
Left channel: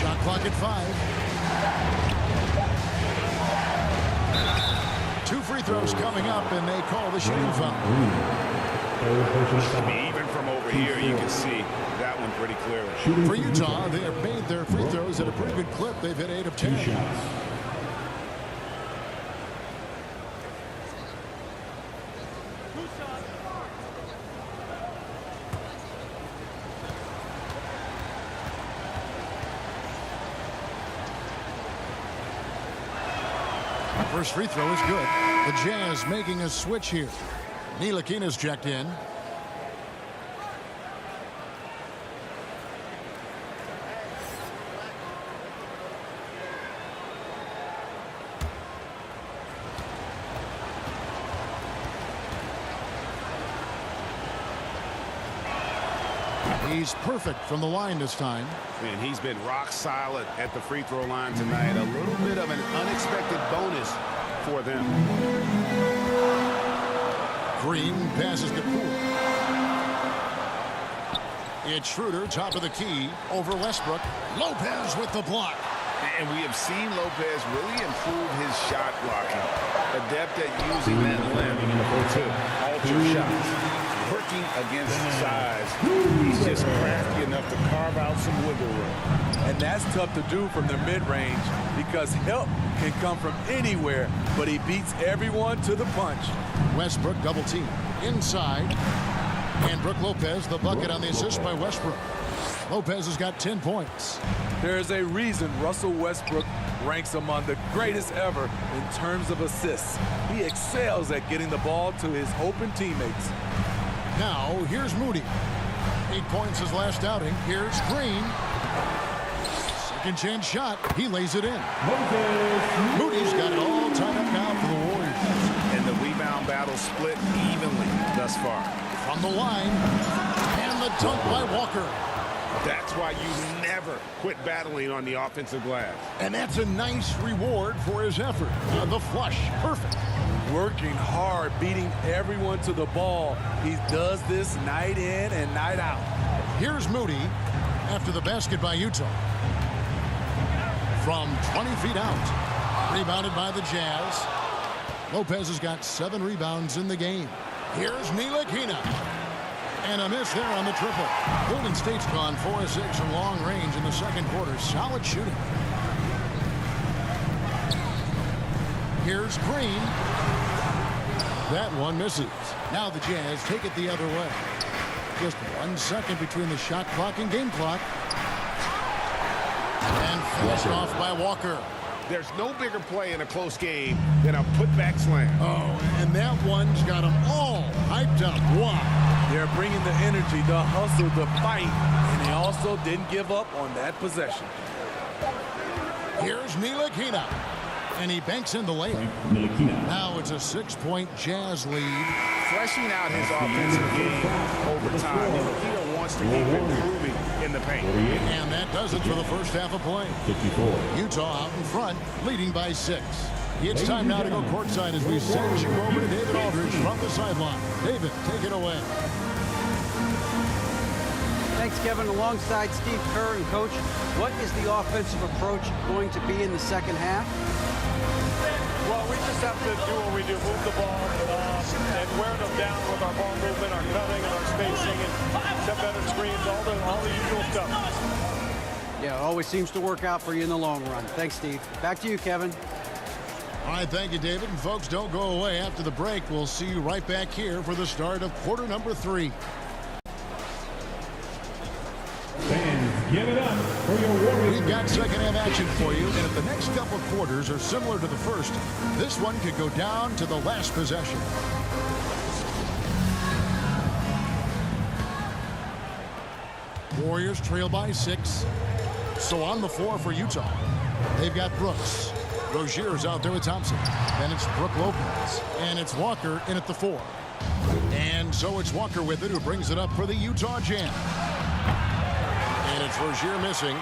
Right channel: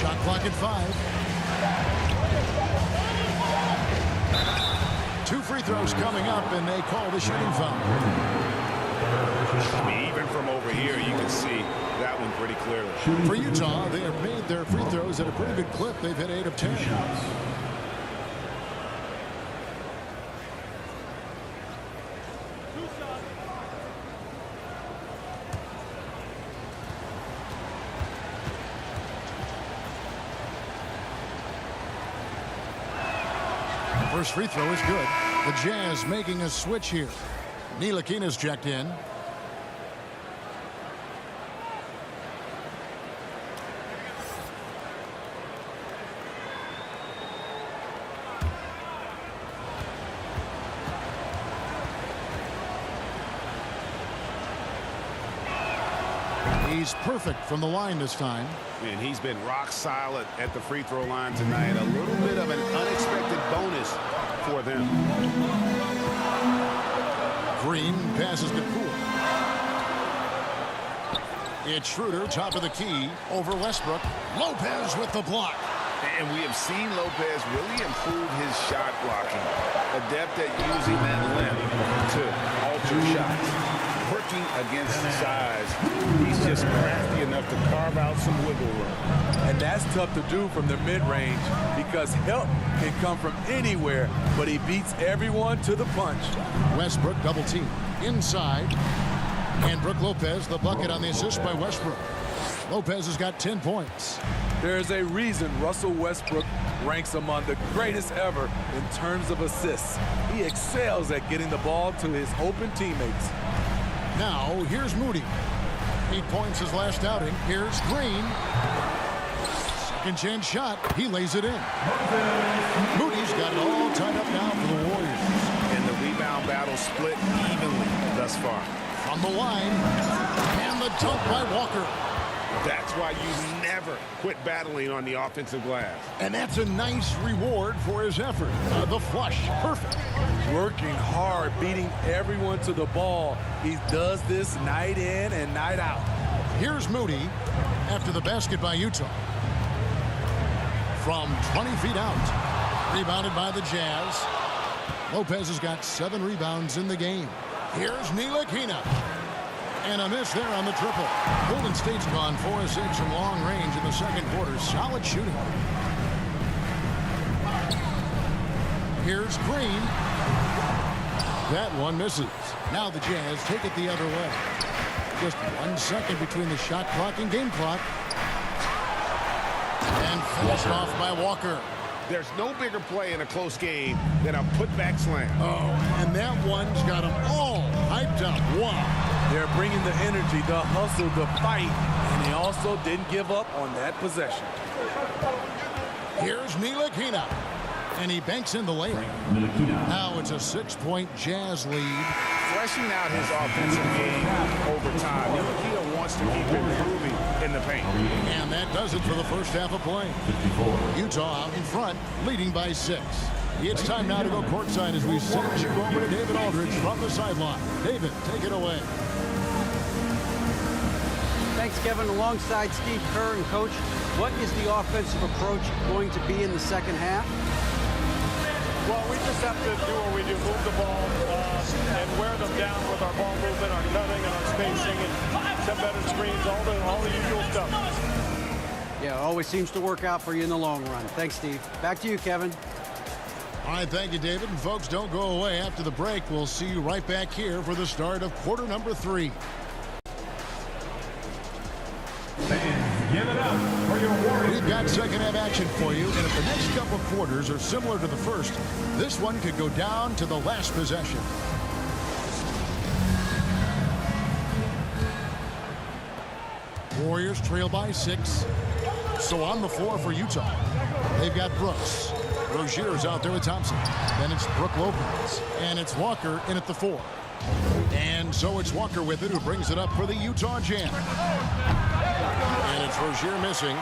Shot clock at 5. 2 free throws coming up, and they call the shooting foul. I mean, even from over here, you can see that one pretty clearly. For Utah, they have made their free throws at a pretty good clip. They've hit 8 of 10. First free throw is good. The Jazz making a switch here. Ntilikina's checked in. He's perfect from the line this time. Man, he's been rock solid at the free throw line tonight. A little bit of an unexpected bonus for them. Green passes to Poole. It's Schroeder, top of the key, over Westbrook. Lopez with the block. And we have seen Lopez really improve his shot blocking. Adept at using that length to alter shots. Working against size, he's just crafty enough to carve out some wiggle room. And that's tough to do from the mid-range because help can come from anywhere, but he beats everyone to the punch. Westbrook double team inside. And Brook Lopez, the bucket on the assist by Westbrook. Lopez has got 10 points. There's a reason Russell Westbrook ranks among the greatest ever in terms of assists. He excels at getting the ball to his open teammates. Now, here's Moody. 8 points his last outing. Here's Green. Second chance shot. He lays it in. Moody's got it all tied up now for the Warriors. And the rebound battle split evenly thus far. From the line. And the dunk by Walker. That's why you never quit battling on the offensive glass. And that's a nice reward for his effort. The flush. Perfect. Working hard, beating everyone to the ball. He does this night in and night out. Here's Moody after the basket by Utah. From 20 feet out. Rebounded by the Jazz. Lopez has got 7 rebounds in the game. Here's Ntilikina. And a miss there on the triple. Golden State's gone 4 of 6 from long range in the second quarter. Solid shooting. Here's Green. That one misses. Now the Jazz take it the other way. Just 1 second between the shot clock and game clock. And finished off by Walker. There's no bigger play in a close game than a putback slam. Oh, and that one's got them all hyped up. Wow. They're bringing the energy, the hustle, the fight, and they also didn't give up on that possession. Here's Ntilikina. And he banks in the layup. Now it's a 6-point Jazz lead. Fleshing out his offensive game over time. Ntilikina wants to keep improving in the paint. And that does it for the first half of play. Utah out in front, leading by 6. It's time now to go courtside as we send you over to David Aldridge from the sideline. David, take it away. Thanks, Kevin. Alongside Steve Kerr and Coach, what is the offensive approach going to be in the second half? Well, we just have to do what we do, move the ball and wear them down with our ball movement, our cutting, and our spacing, and set better screens, all the usual stuff. Yeah, it always seems to work out for you in the long run. Thanks, Steve. Back to you, Kevin. All right, thank you, David. And folks, don't go away. After the break, we'll see you right back here for the start of quarter number 3. Fans, give it up for your Warriors. We've got second half action for you, and if the next couple quarters are similar to the first, this one could go down to the last possession. Warriors trail by 6. So on the floor for Utah, they've got Brooks. Rozier's out there with Thompson. Then it's Brook Lopez. And it's Walker in at the 4. And so it's Walker with it, who brings it up for the Utah Jam. And it's Rozier missing.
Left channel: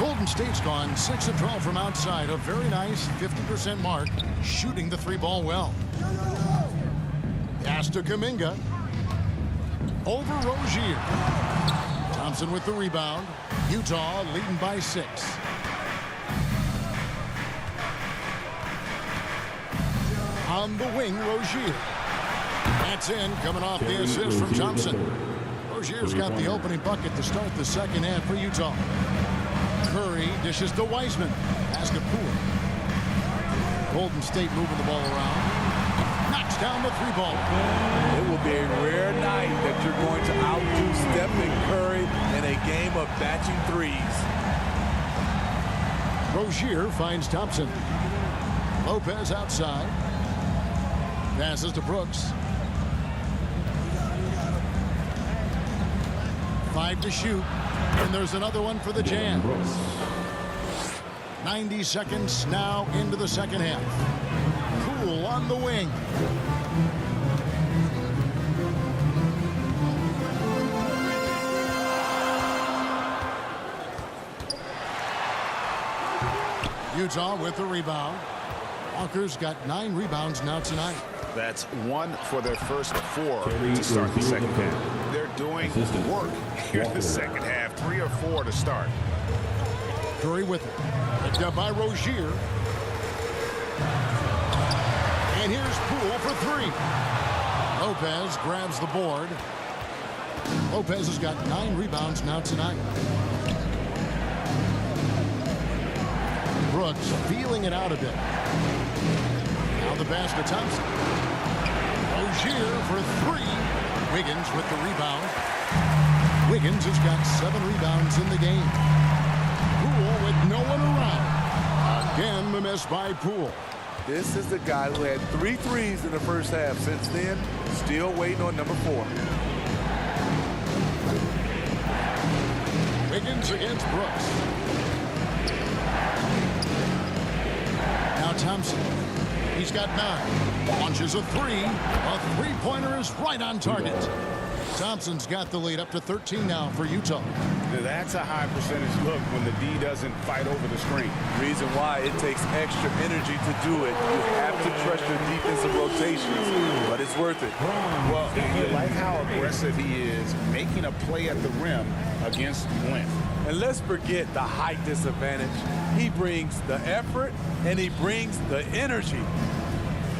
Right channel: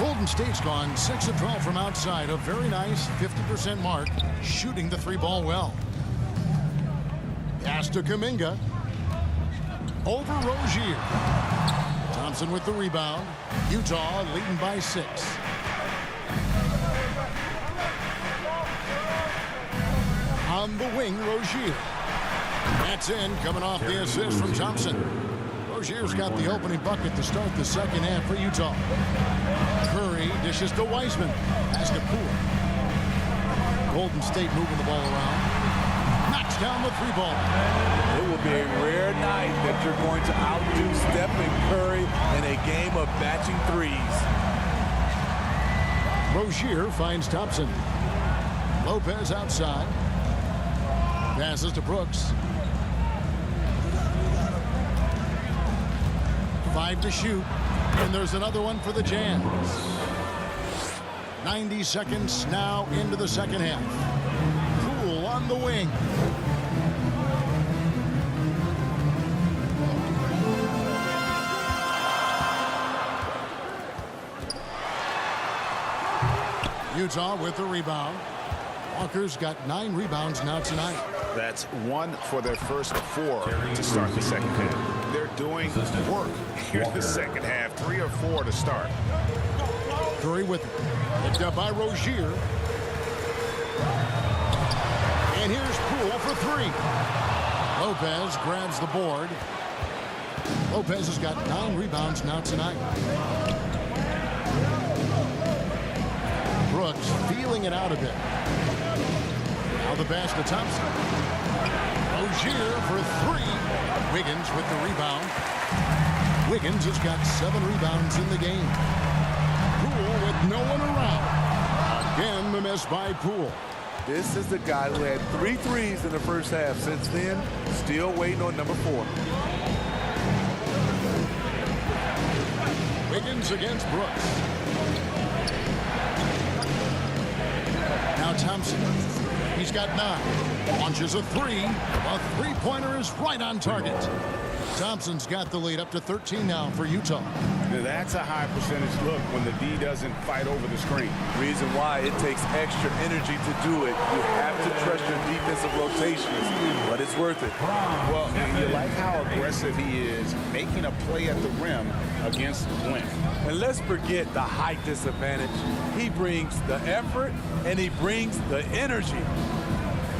Golden State's gone 6 of 12 from outside. A very nice 50% mark, shooting the 3-ball well. Pass to Kuminga. Over Rozier. Thompson with the rebound. Utah leading by 6. On the wing, Rozier. That's in, coming off the assist from Thompson. Rozier's got the opening bucket to start the second half for Utah. Curry dishes to Wiseman. Has to Poole. Golden State moving the ball around. Knocks down the 3-ball. It will be a rare night that you're going to outdo Stephen Curry in a game of batching threes. Rozier finds Thompson. Lopez outside. Passes to Brooks. 5 to shoot. And there's another one for the Jazz. 90 seconds now into the second half. Poole on the wing. Utah with the rebound. Walker's got 9 rebounds now tonight. That's 1 for their first 4 to start the second half. They're doing work here in the second half. 3 or 4 to start. Curry with it. Picked up by Rozier. And here's Poole for 3. Lopez grabs the board. Lopez has got 9 rebounds now tonight. Brooks feeling it out a bit. Now the pass to Thompson. Rozier for 3. Wiggins with the rebound. Wiggins has got 7 rebounds in the game. Poole with no one around. Again, the miss by Poole. This is the guy who had 3 threes in the first half. Since then, still waiting on number 4. Wiggins against Brooks. Now Thompson. He's got 9. Launches a 3. A 3-pointer is right on target. Thompson's got the lead up to 13 now for Utah. Now that's a high percentage look when the D doesn't fight over the screen. Reason why it takes extra energy to do it. You have to trust your defensive rotations, but it's worth it. Well, you like how aggressive he is making a play at the rim against length. And let's forget the height disadvantage. He brings the effort and he brings the energy.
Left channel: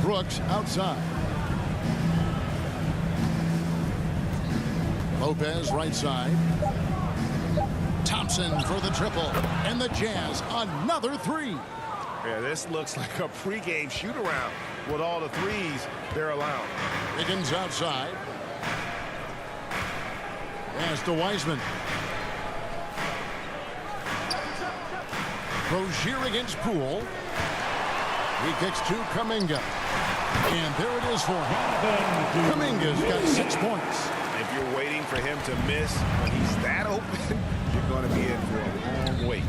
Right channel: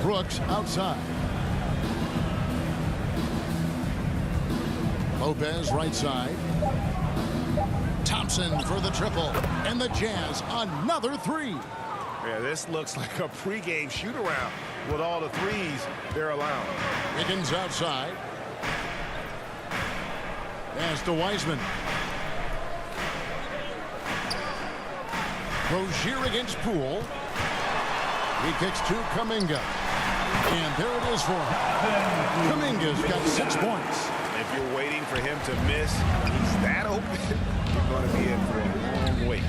Brooks outside. Lopez right side. Thompson for the triple. And the Jazz another 3. Yeah, this looks like a pregame shoot-around with all the threes they're allowing. Wiggins outside. Pass to Wiseman. Rozier against Poole. He kicks to Kuminga. And there it is for him. Kuminga's got 6 points. If you're waiting for him to miss when he's that open, you're going to be in for a long wait.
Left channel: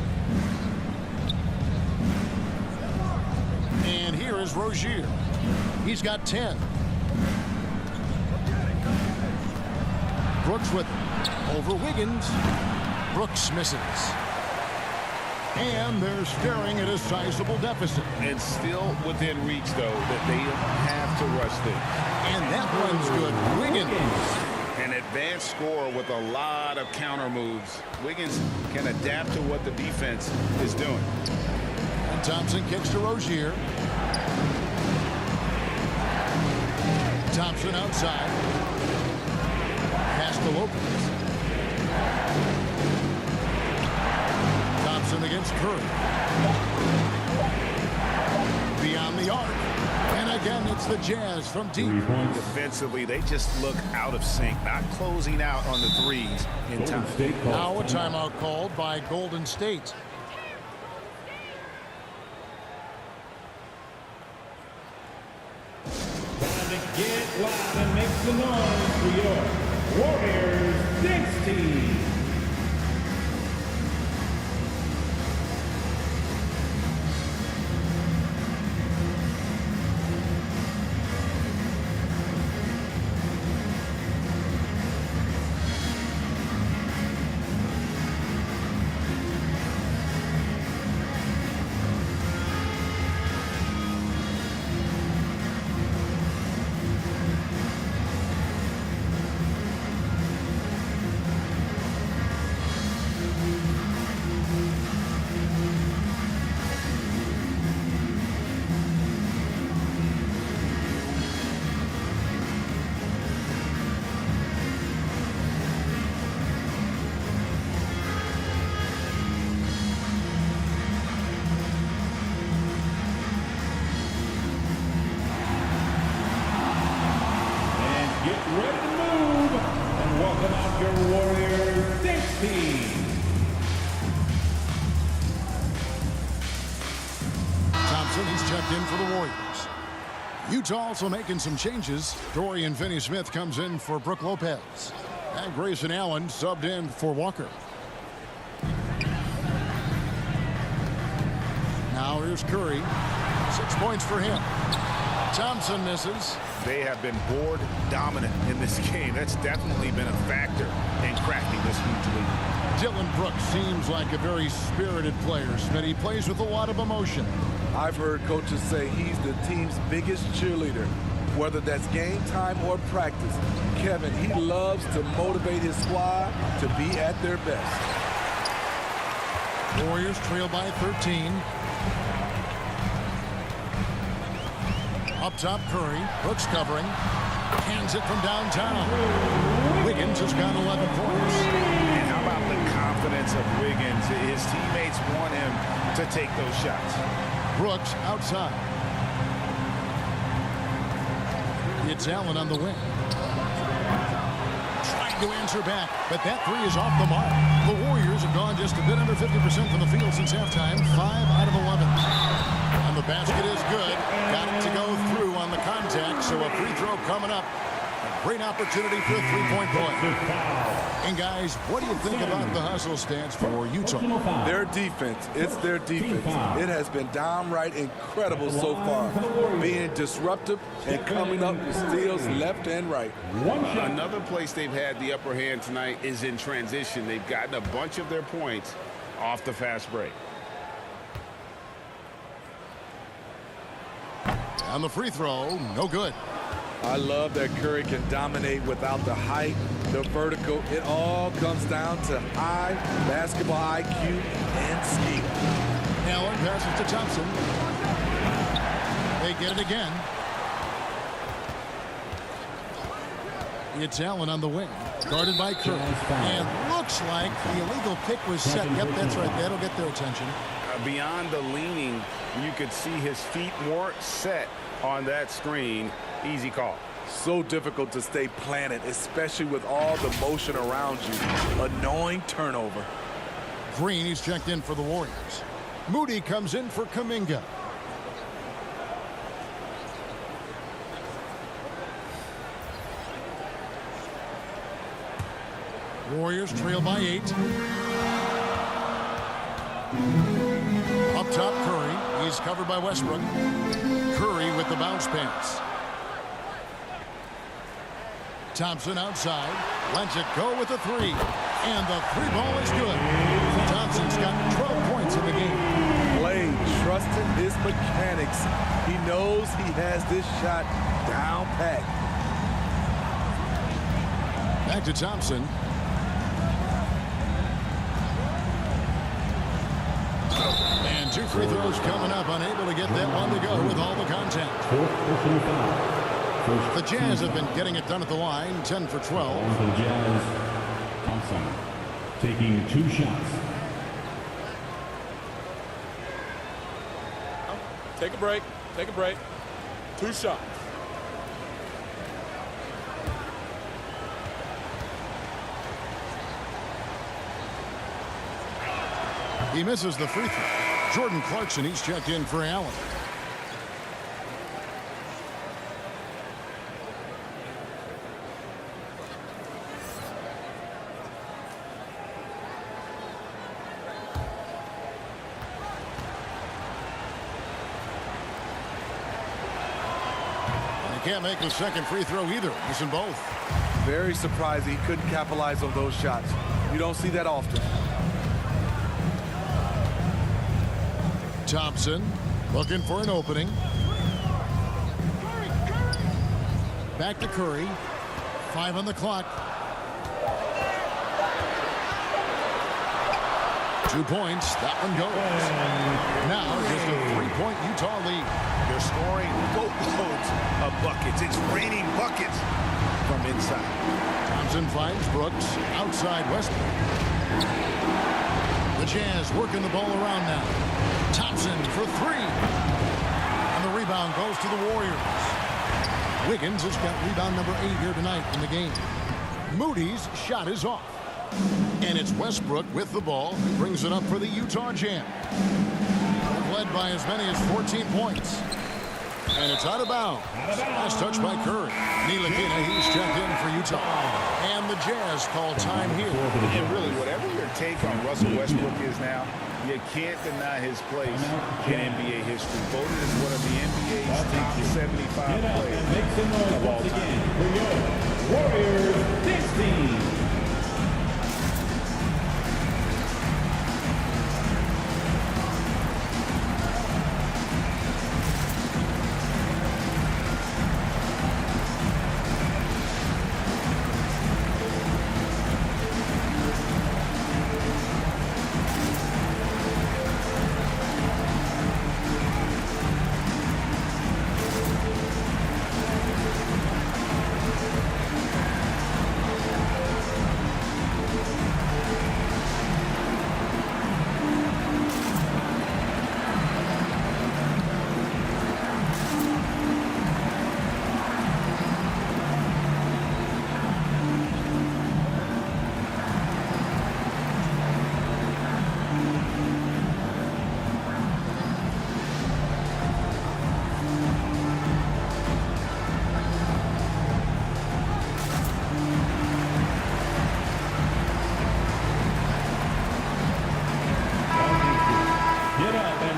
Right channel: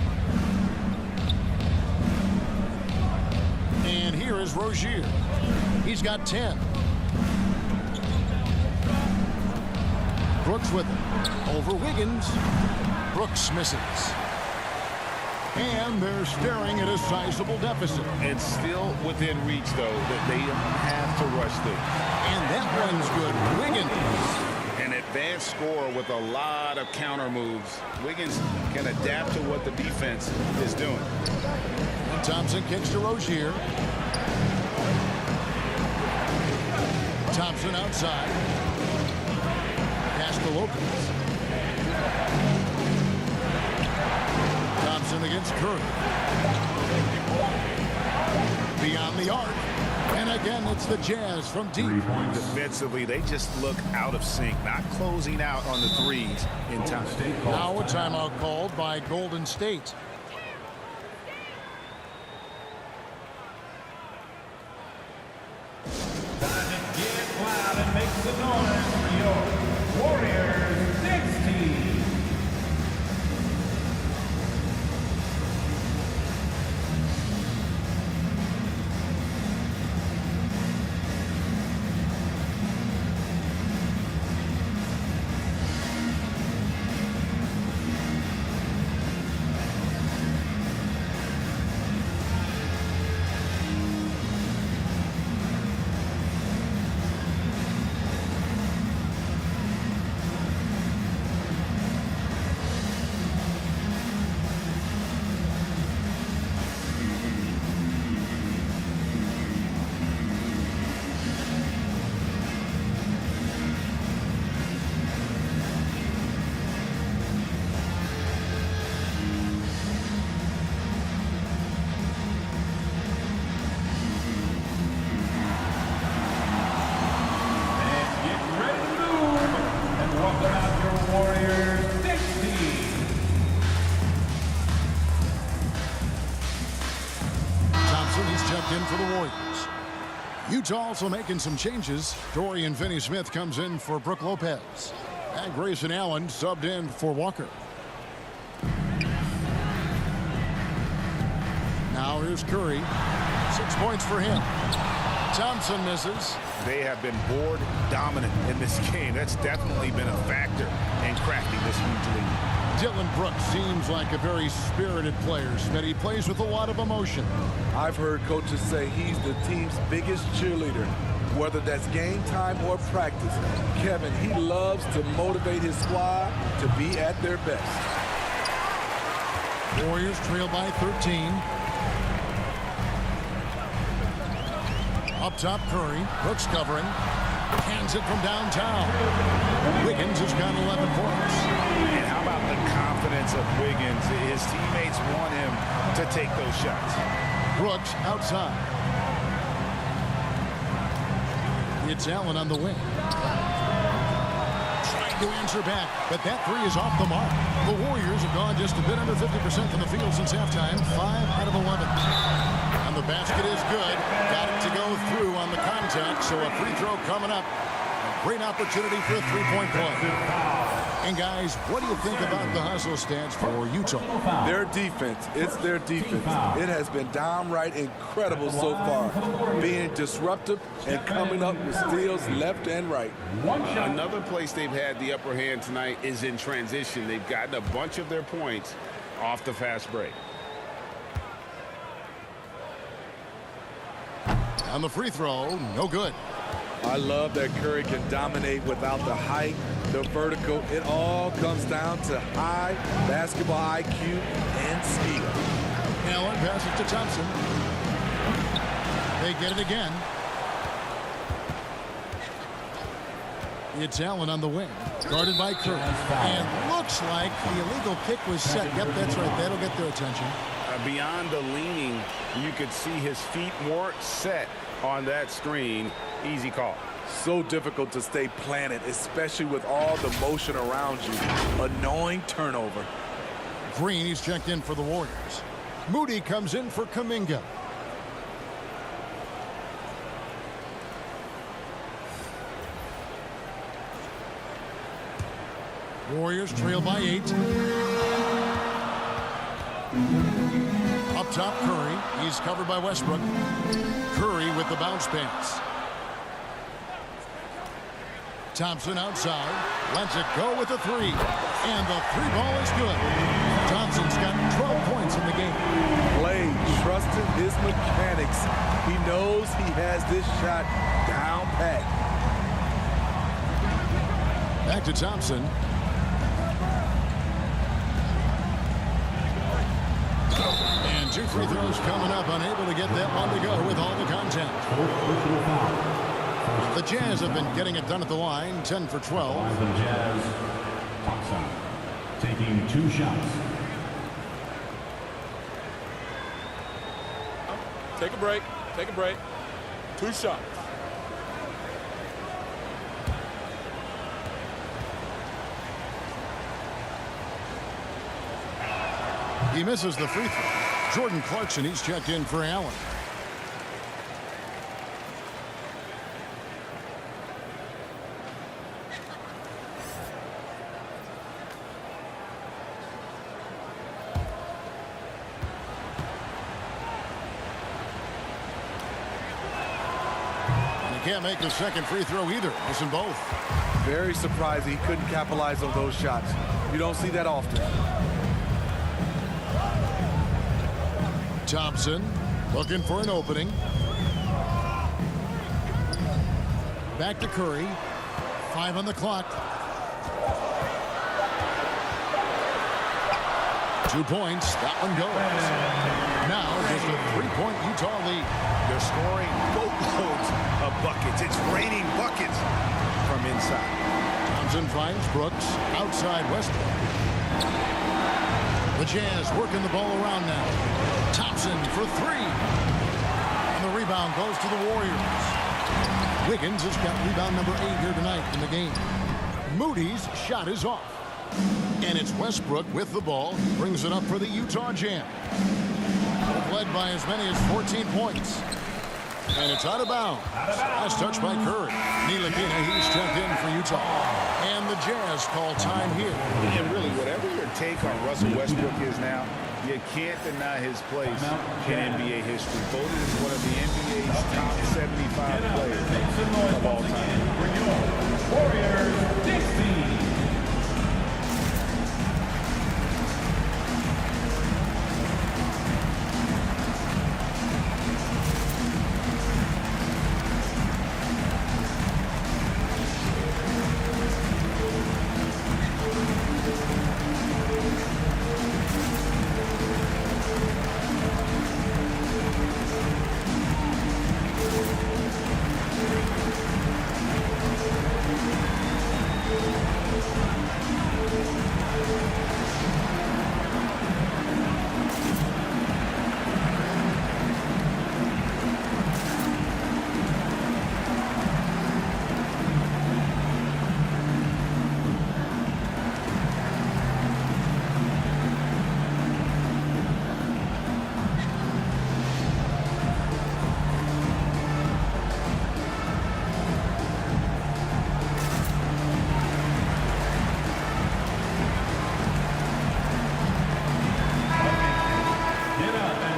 And here is Rozier. He's got 10. Brooks with it. Over Wiggins. Brooks misses. And they're staring at a sizable deficit. And still within reach, though, that they don't have to rush things. And that one's good. Wiggins. An advanced scorer with a lot of counter moves. Wiggins can adapt to what the defense is doing. And Thompson kicks to Rozier. Thompson outside. Pass to Lopez. Thompson against Curry. beyond the arc. And again, it's the Jazz from deep. 3 points. Defensively, they just look out of sync, not closing out on the threes in time. Golden State calls Now a timeout. timeout called by Golden State. Time to get loud and make some noise for your Warriors Knicks team. Get ready to move and welcome out your Warriors Knicks team. Thompson, he's checked in for the Warriors. Utah also making some changes. Dorian Finney-Smith comes in for Brook Lopez. And Grayson Allen subbed in for Walker. Now here's Curry. 6 points for him. Thompson misses. They have been board dominant in this game. That's definitely been a factor in cracking this huge lead. Dylan Brooks seems like a very spirited player. Smith, he plays with a lot of emotion. I've heard coaches say he's the team's biggest cheerleader. Whether that's game time or practice, Kevin, he loves to motivate his squad to be at their best. Warriors trail by 13. Up top, Curry. Brooks covering. Hands it from downtown. Wiggins has got 11 points. And how about the confidence of Wiggins? His teammates want him to take those shots. Brooks outside. It's Allen on the wing. Trying to answer back, but that three is off the mark. The Warriors have gone just a bit under 50% from the field since halftime. 5 out of 11. And the basket is good. Got it to go through on the contact, so a free throw coming up. A great opportunity for a three-point play. And guys, what do you think about the hustle stats for Utah? Their defense, it's their defense. It has been downright incredible so far. Being disruptive and coming up with steals left and right. Another place they've had the upper hand tonight is in transition. They've gotten a bunch of their points off the fast break. On the free throw, no good. I love that Curry can dominate without the height, the vertical. It all comes down to high basketball IQ and skill. Allen passes to Thompson. They get it again. It's Allen on the wing, guarded by Curry. And looks like the illegal kick was set. Yep, that's right. That'll get their attention. Beyond the leaning, you could see his feet weren't set on that screen. Easy call. So difficult to stay planted, especially with all the motion around you. Annoying turnover. Green, he's checked in for the Warriors. Moody comes in for Kuminga. Warriors trail by 8. Up top, Curry. He's covered by Westbrook. Curry with the bounce pass. Thompson outside. Lets it go with the three. And the three ball is good. Thompson's got 12 points in the game. Play, trusting his mechanics. He knows he has this shot down pat. Back to Thompson. And 2 free throws coming up. Unable to get that one to go with all the contact. Fourth personal foul. The Jazz have been getting it done at the line. 10 for 12. For the Jazz, Thompson taking 2 shots. Take a break. Take a break. 2 shots. He misses the free throw. Jordan Clarkson, he's checked in for Allen. And he can't make the second free throw either, missing both. Very surprised he couldn't capitalize on those shots. You don't see that often. Thompson looking for an opening. Back to Curry. 5 on the clock. 2 points. That one goes. Now just a 3-point Utah lead. They're scoring boatloads of buckets. It's raining buckets from inside. Thompson finds Brooks outside Westbrook. The Jazz working the ball around now. Thompson for 3. And the rebound goes to the Warriors. Wiggins has got rebound number 8 here tonight in the game. Moody's shot is off. And it's Westbrook with the ball. He brings it up for the Utah Jazz. They've led by as many as 14 points. And it's out of bounds. Last touch by Curry. Ntilikina, he's checked in for Utah. And the Jazz call time here. And really, whatever your take on Russell Westbrook is now, you can't deny his place in NBA history. Voted as one of the NBA's top 75 players of all time. For your Warriors, Knicks team.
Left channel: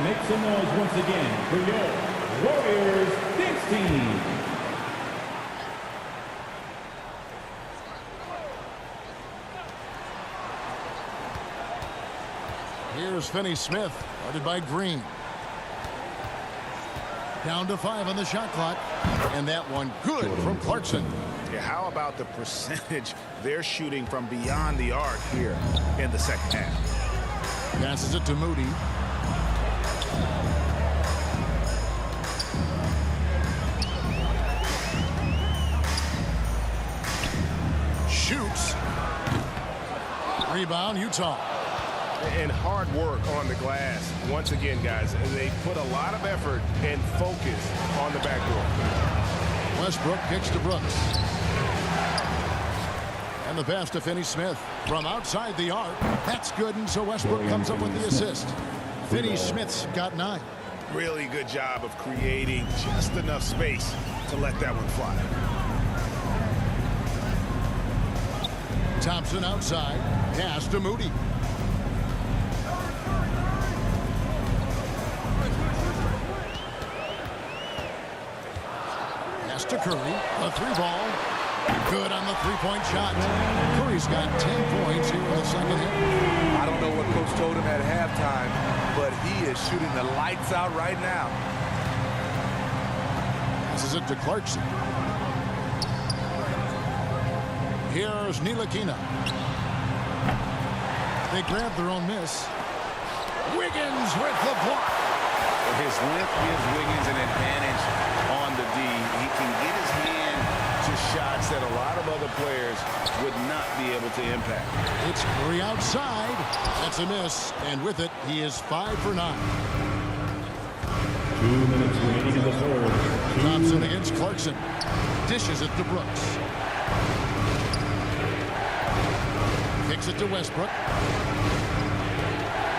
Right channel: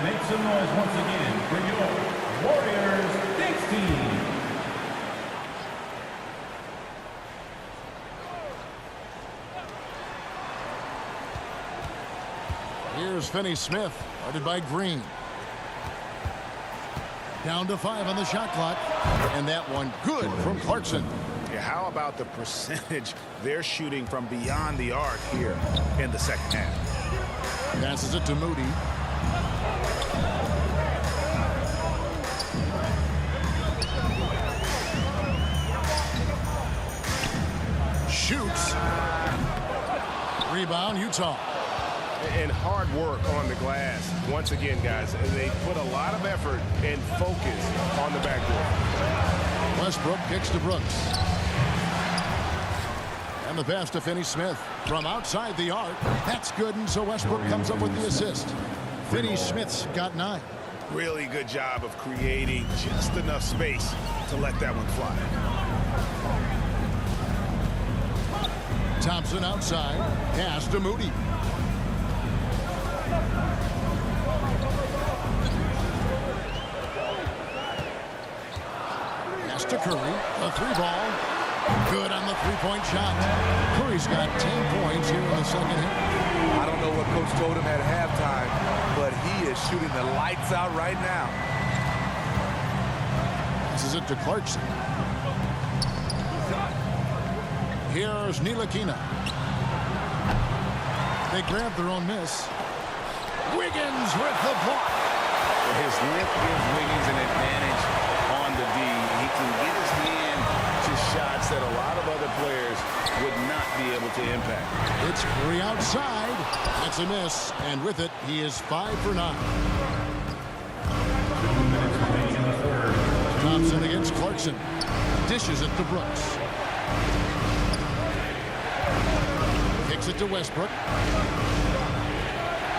Make some noise once again for your Warriors Knicks team. Here's Finney-Smith, guarded by Green. Down to 5 on the shot clock. And that one good from Clarkson. Yeah, how about the percentage they're shooting from beyond the arc here in the second half? Passes it to Moody. Shoots. Rebound, Utah. And hard work on the glass. Once again, guys, they put a lot of effort and focus on the backboard. Westbrook kicks to Brooks. And the pass to Finney-Smith from outside the arc. That's good, and so Westbrook comes up with the assist. Finney-Smith's got 9. Really good job of creating just enough space to let that one fly. Thompson outside. Pass to Moody. Pass to Curry. The 3-ball. Good on the 3-point shot. Curry's got 10 points here in the second half. I don't know what Coach told him at halftime, but he is shooting the lights out right now. Passes it to Clarkson. Here's Ntilikina. They grab their own miss. Wiggins with the block. His length gives Wiggins an advantage on the D. He can get his hand to shots that a lot of other players would not be able to impact. It's Curry outside. That's a miss. And with it, he is 5 for 9. 2 minutes remaining in the Thompson against Clarkson. Dishes it to Brooks. Kicks it to Westbrook.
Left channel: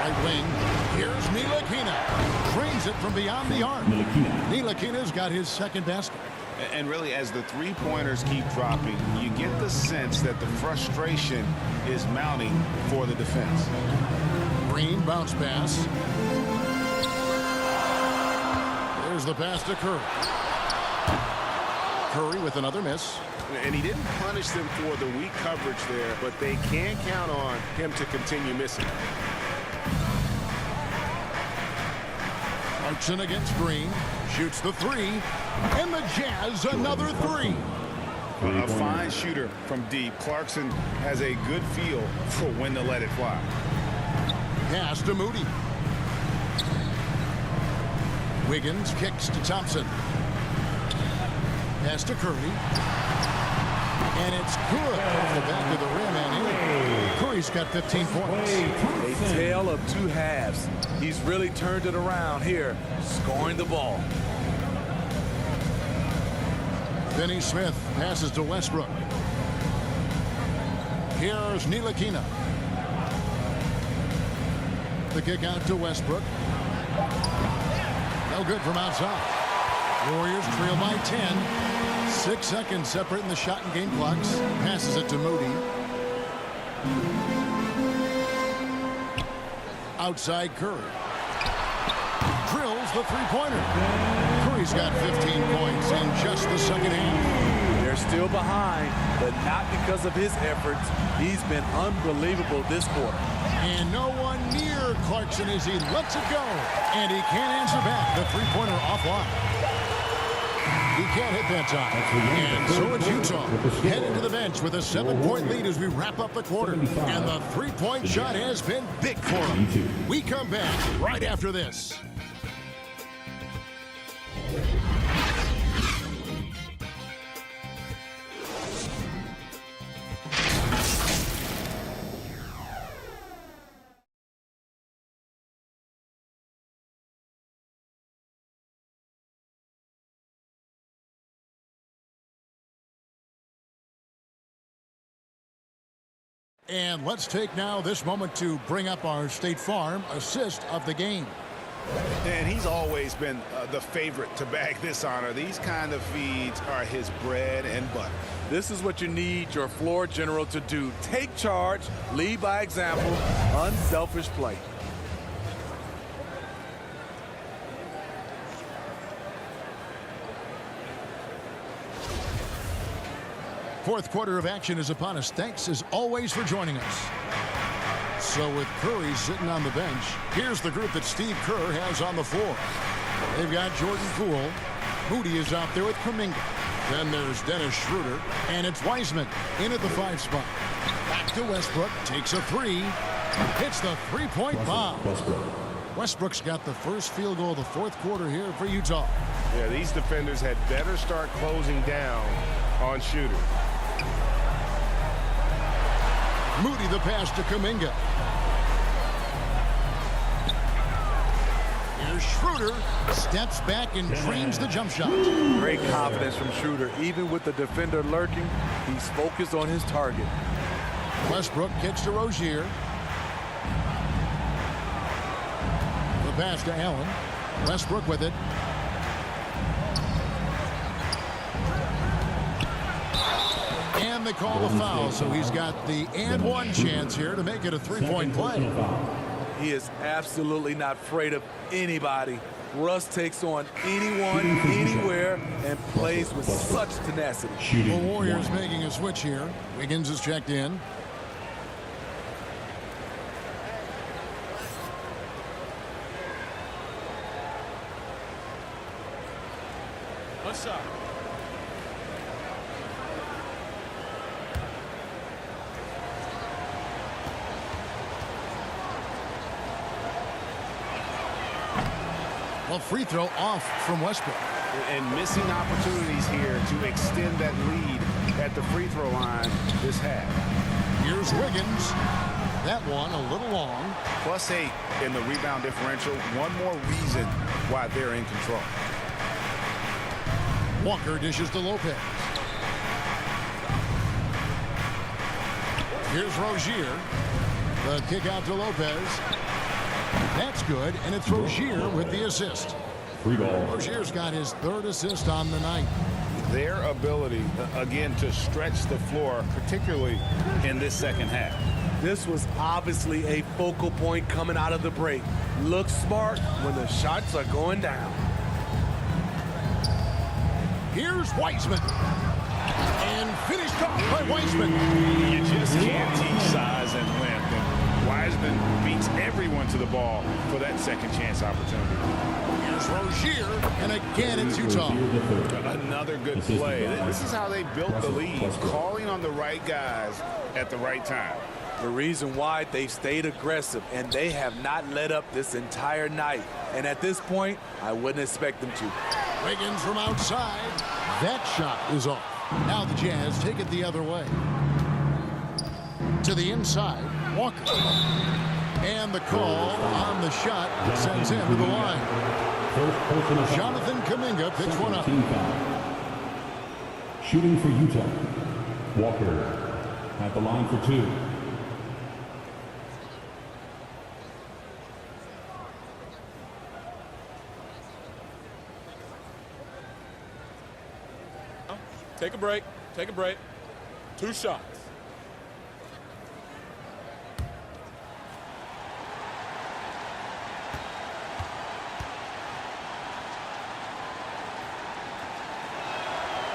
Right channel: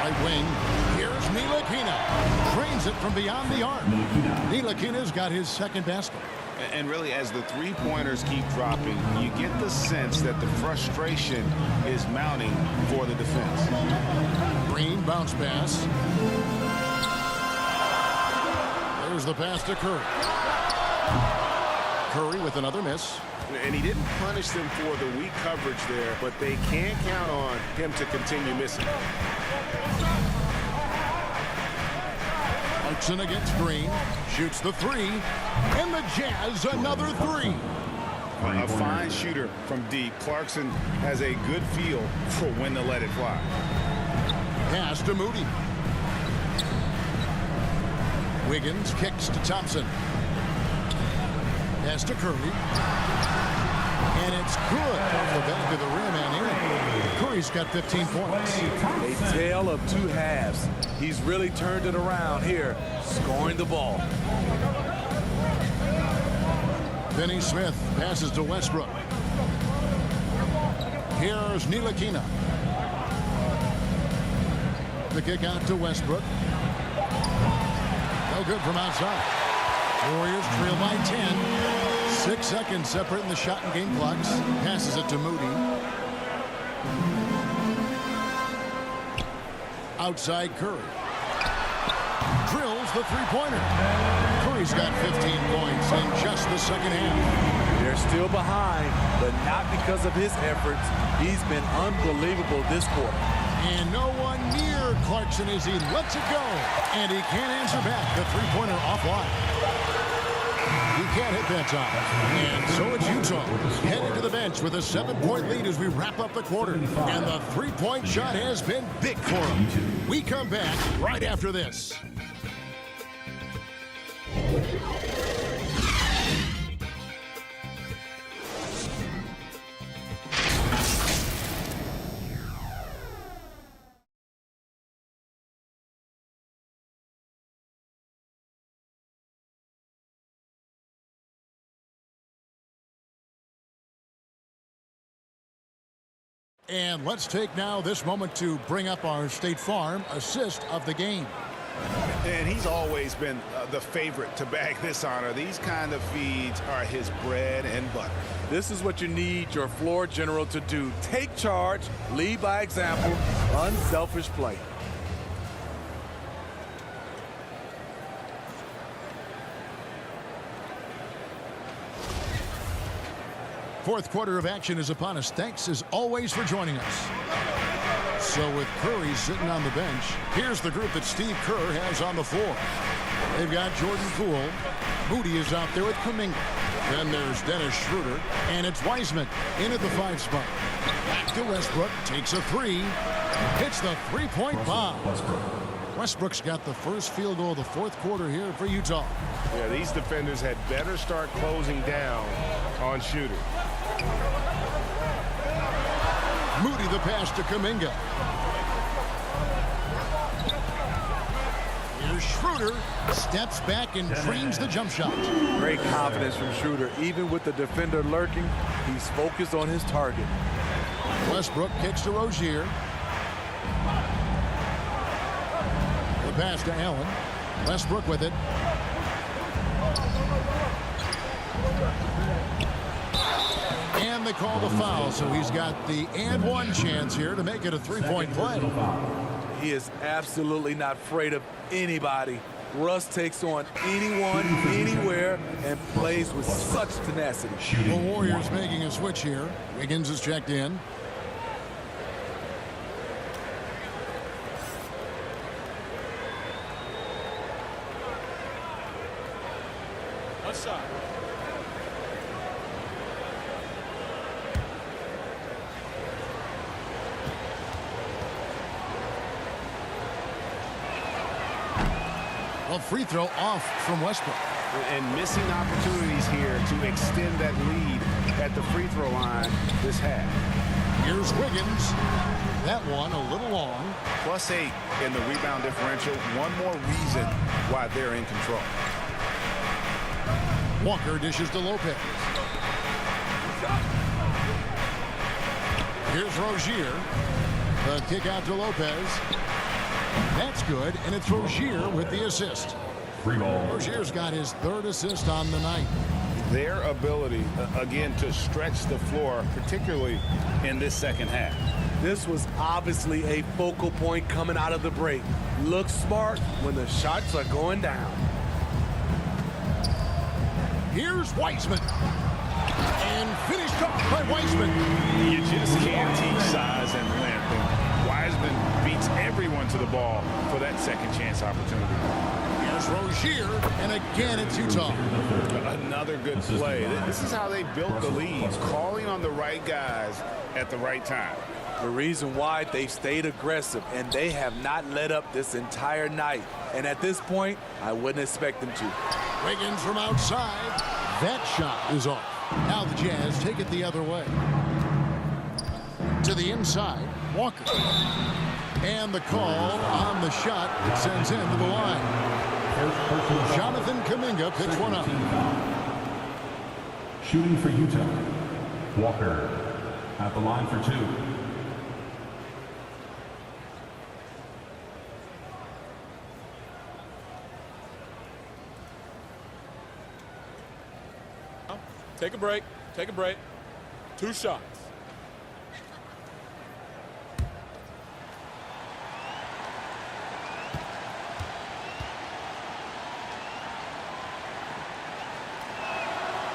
Right wing. Here's Ntilikina. Drains it from beyond the arc. Ntilikina's got his second basket. And really, as the three-pointers keep dropping, you get the sense that the frustration is mounting for the defense. Green bounce pass. There's the pass to Curry. Curry with another miss. And he didn't punish them for the weak coverage there, but they can count on him to continue missing. Clarkson against Green. Shoots the three. And the Jazz another three. A fine shooter from deep. Clarkson has a good feel for when to let it fly. Pass to Moody. Wiggins kicks to Thompson. Pass to Curry. And it's good off the back of the rim and in. Curry's got 15 points. A tale of two halves. He's really turned it around here, scoring the ball. Finney-Smith passes to Westbrook. Here's Ntilikina. The kick out to Westbrook. No good from outside. Warriors trail by 10. 6 seconds separating the shot and game clocks. Passes it to Moody. Outside Curry. Drills the three-pointer. Curry's got 15 points in just the second half. They're still behind, but not because of his efforts. He's been unbelievable this quarter. And no one near Clarkson as he lets it go. And he can't answer back. The three-pointer offline. He can't hit that time. And so it's Utah heading to the bench with a 7-point lead as we wrap up the quarter. And the three-point shot has been big for him. We come back right after this. And let's take now this moment to bring up our State Farm assist of the game. And he's always been the favorite to bag this honor. These kind of feeds are his bread and butter. This is what you need your floor general to do. Take charge, lead by example, unselfish play. Fourth quarter of action is upon us. Thanks as always for joining us. So with Curry sitting on the bench, here's the group that Steve Kerr has on the floor. They've got Jordan Poole. Moody is out there with Kuminga. Then there's Dennis Schroeder. And it's Wiseman in at the 5 spot. Back to Westbrook. Takes a three. Hits the three-point bomb. Westbrook's got the first field goal of the fourth quarter here for Utah. Yeah, these defenders had better start closing down on Shooter. Moody the pass to Kuminga. Here's Schroeder. Steps back and trains the jump shot. Great confidence from Schroeder. Even with the defender lurking, he's focused on his target. Westbrook kicks to Rozier. The pass to Allen. Westbrook with it. And they call the foul, so he's got the and one chance here to make it a three-point play. He is absolutely not afraid of anybody. Russ takes on anyone, anywhere, and plays with such tenacity. The Warriors making a switch here. Wiggins is checked in. Outside. Well, free throw off from Westbrook. And missing opportunities here to extend that lead at the free throw line this half. Here's Wiggins. That one a little long. +8 in the rebound differential. One more reason why they're in control. Walker dishes to Lopez. Here's Rozier. The kick out to Lopez. That's good, and it's Rozier with the assist. Free ball. Rozier's got his 3rd assist on the night. Their ability, again, to stretch the floor, particularly in this second half. This was obviously a focal point coming out of the break. Look smart when the shots are going down. Here's Wiseman. And finished off by Wiseman. You just can't teach size and length, and Wiseman beats everyone to the ball for that second chance opportunity. Here's Rozier, and again it's Utah. Another good play. This is how they built the lead, calling on the right guys at the right time. The reason why they stayed aggressive, and they have not let up this entire night. And at this point, I wouldn't expect them to. Wiggins from outside. That shot is off. Now the Jazz take it the other way. To the inside, Walker. And the call on the shot sends him to the line. Jonathan Kuminga picks one up. Shooting for Utah. Walker at the line for 2. Take a break. Take a break. 2 shots.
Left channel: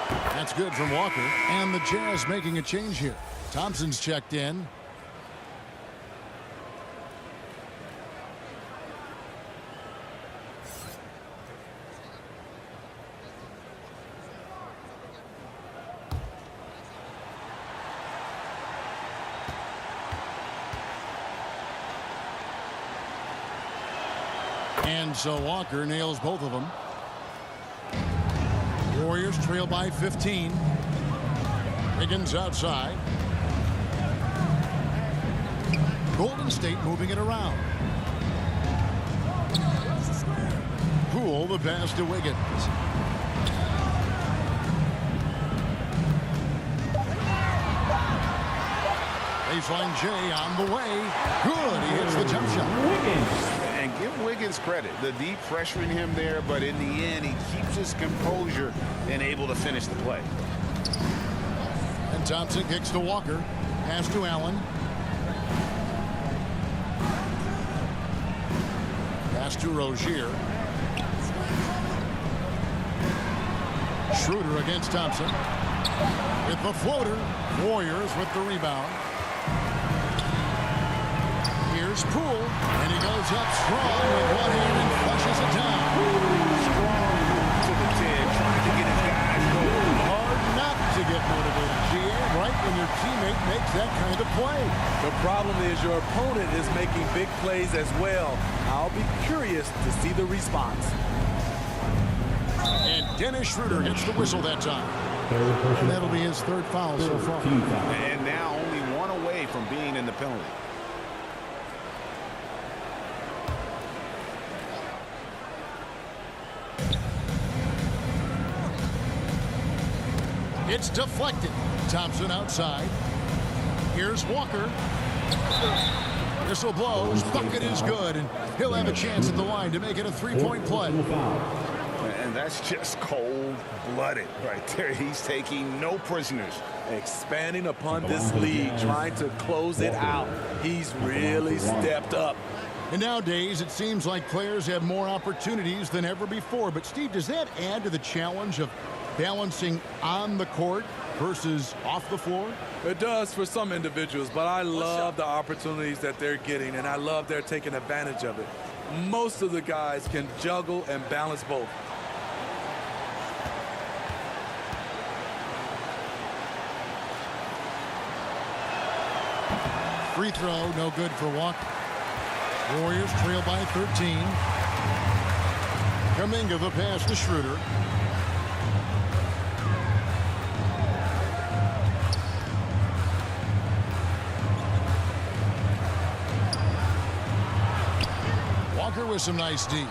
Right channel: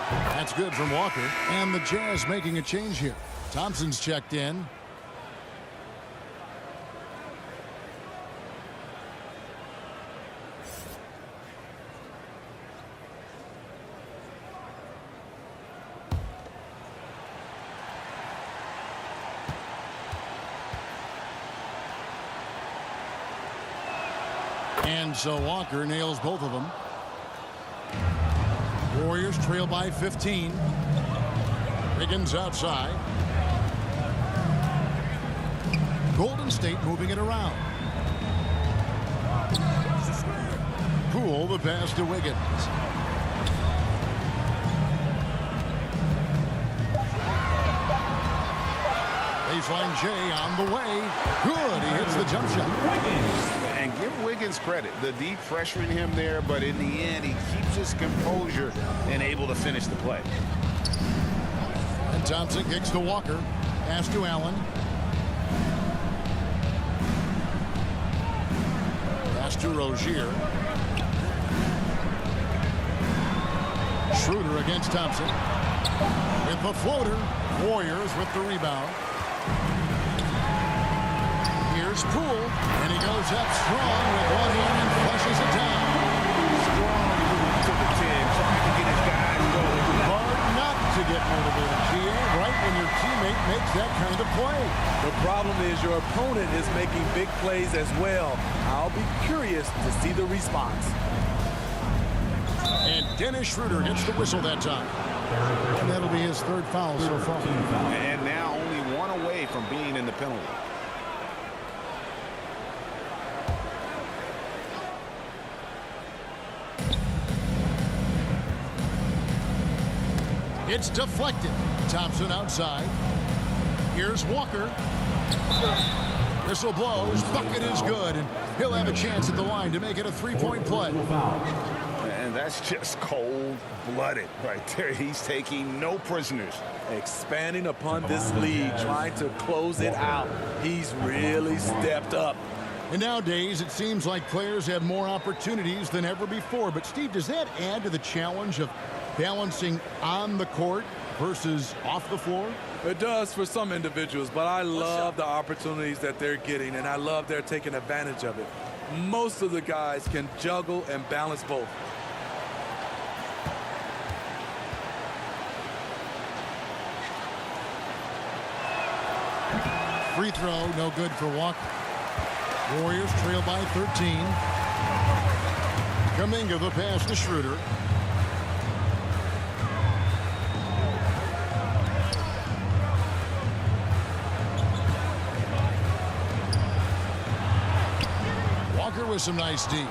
That's good from Walker. And the Jazz making a change here. Thompson's checked in. And so Walker nails both of them. Warriors trail by 15. Wiggins outside. Golden State moving it around. Poole the pass to Wiggins. Baseline J on the way. Good. He hits the jump shot. And give Wiggins credit. The deep pressuring him there, but in the end, he keeps his composure and able to finish the play. And Thompson kicks to Walker. Pass to Allen. Pass to Rozier. Schroeder against Thompson. With the floater. Warriors with the rebound. Here's Poole, and he goes up strong with one hand and flushes it down. Strong move to the 10, trying to get his guys going. Hard not to get motivated, GA, right when your teammate makes that kind of play. The problem is your opponent is making big plays as well. I'll be curious to see the response. And Dennis Schroeder gets the whistle that time. And that'll be his 3rd foul so far. And now only one away from being in the penalty. It's deflected. Thompson outside. Here's Walker. Whistle blows. Bucket is good, and he'll have a chance at the line to make it a 3-point play. And that's just cold-blooded right there. He's taking no prisoners. Expanding upon this lead, trying to close it out. He's really stepped up. And nowadays, it seems like players have more opportunities than ever before. But, Steve, does that add to the challenge of balancing on the court versus off the floor? It does for some individuals, but I love the opportunities that they're getting, and I love they're taking advantage of it. Most of the guys can juggle and balance both. Free throw, no good for Walker. Warriors trail by 13. Kuminga the pass to Schroeder. Walker with some nice D.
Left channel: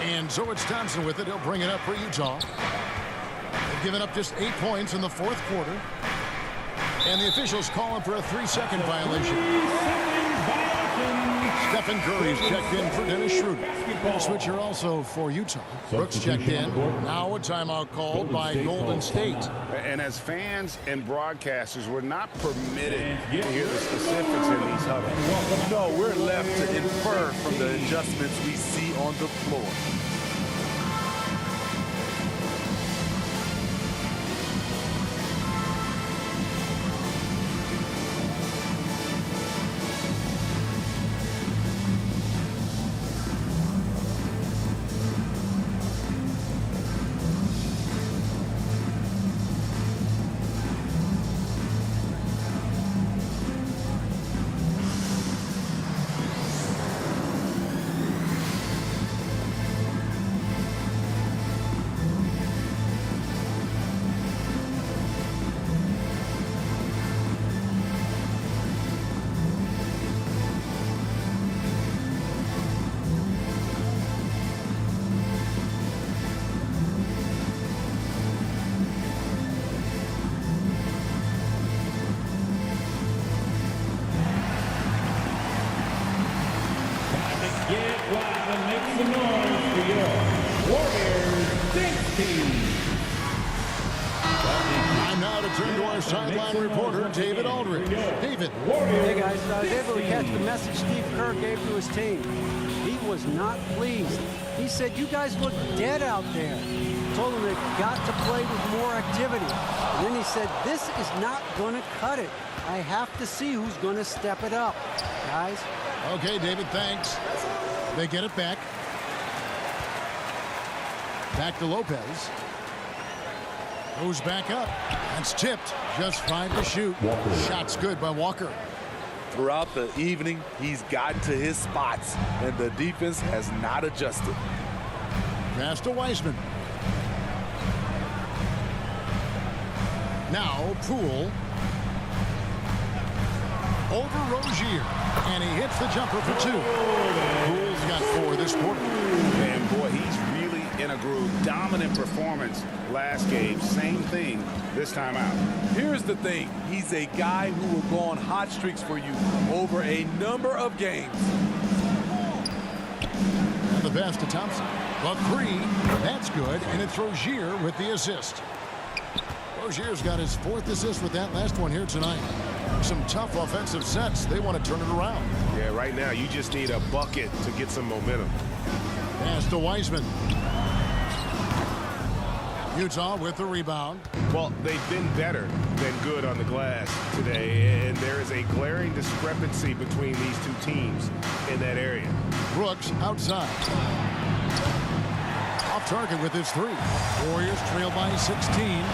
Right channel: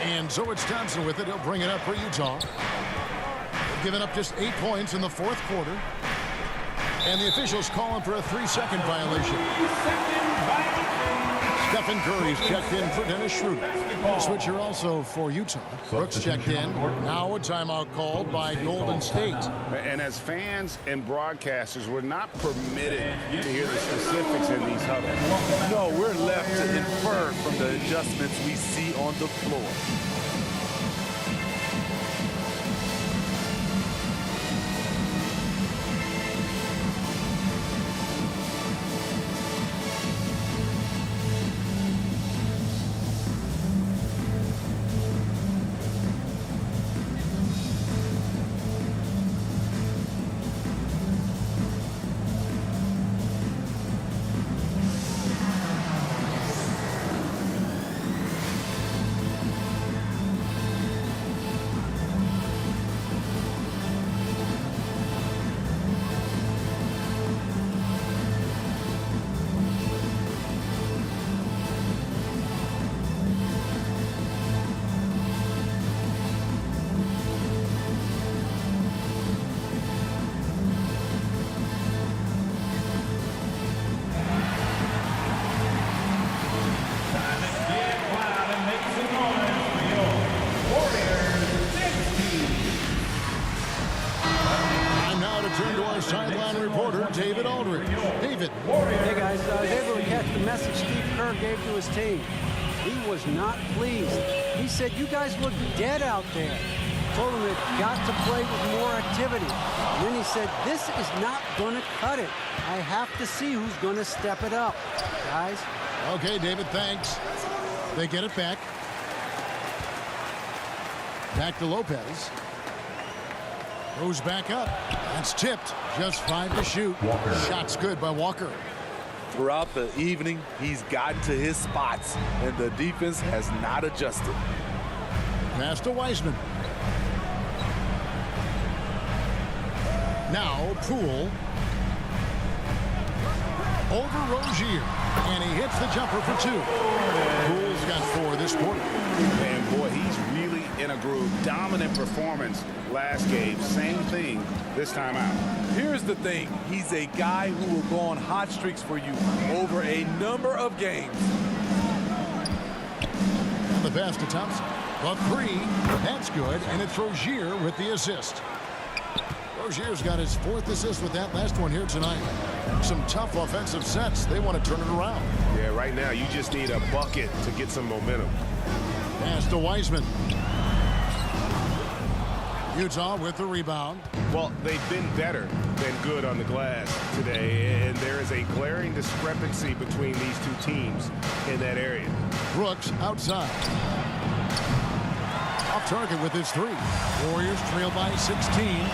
And so it's Thompson with it. He'll bring it up for Utah. They've given up just 8 points in the fourth quarter. And the officials calling for a 3-second violation. 3-second violation. Stephen Curry's checked in for Dennis Schroeder. And a switcher also for Utah. Brooks checked in. Now a timeout called by Golden State. And as fans and broadcasters, we're not permitted to hear the specifics in these huddles. No, we're left to infer from the adjustments we see on the floor. Get loud and make some noise for your Warriors Dance Team. Time now to turn to our sideline reporter, David Aldridge. David. Hey, guys. I was able to catch the message Steve Kerr gave to his team. He was not pleased. He said, you guys look dead out there. Told them they've got to play with more activity. And then he said, this is not going to cut it. I have to see who's going to step it up. Guys. Okay, David, thanks. They get it back. Back to Lopez. Goes back up. That's tipped. Just 5 to shoot. Shot's good by Walker. Throughout the evening, he's gotten to his spots, and the defense has not adjusted. Pass to Wiseman. Now, Poole. Over Rozier. And he hits the jumper for 2. Poole's got 4 this quarter. And boy, he's really in a groove. Dominant performance last game. Same thing this time out. Here's the thing. He's a guy who will go on hot streaks for you over a number of games. And the pass to Thompson. The 3. That's good. And it's Rozier with the assist. Rozier's got his 4th assist with that last one here tonight. Some tough offensive sets. They want to turn it around. Yeah, right now you just need a bucket to get some momentum. Pass to Wiseman. Utah with the rebound. Well, they've been better than good on the glass today, and there is a glaring discrepancy between these two teams in that area. Brooks outside. Off target with his 3. Warriors trail by 16.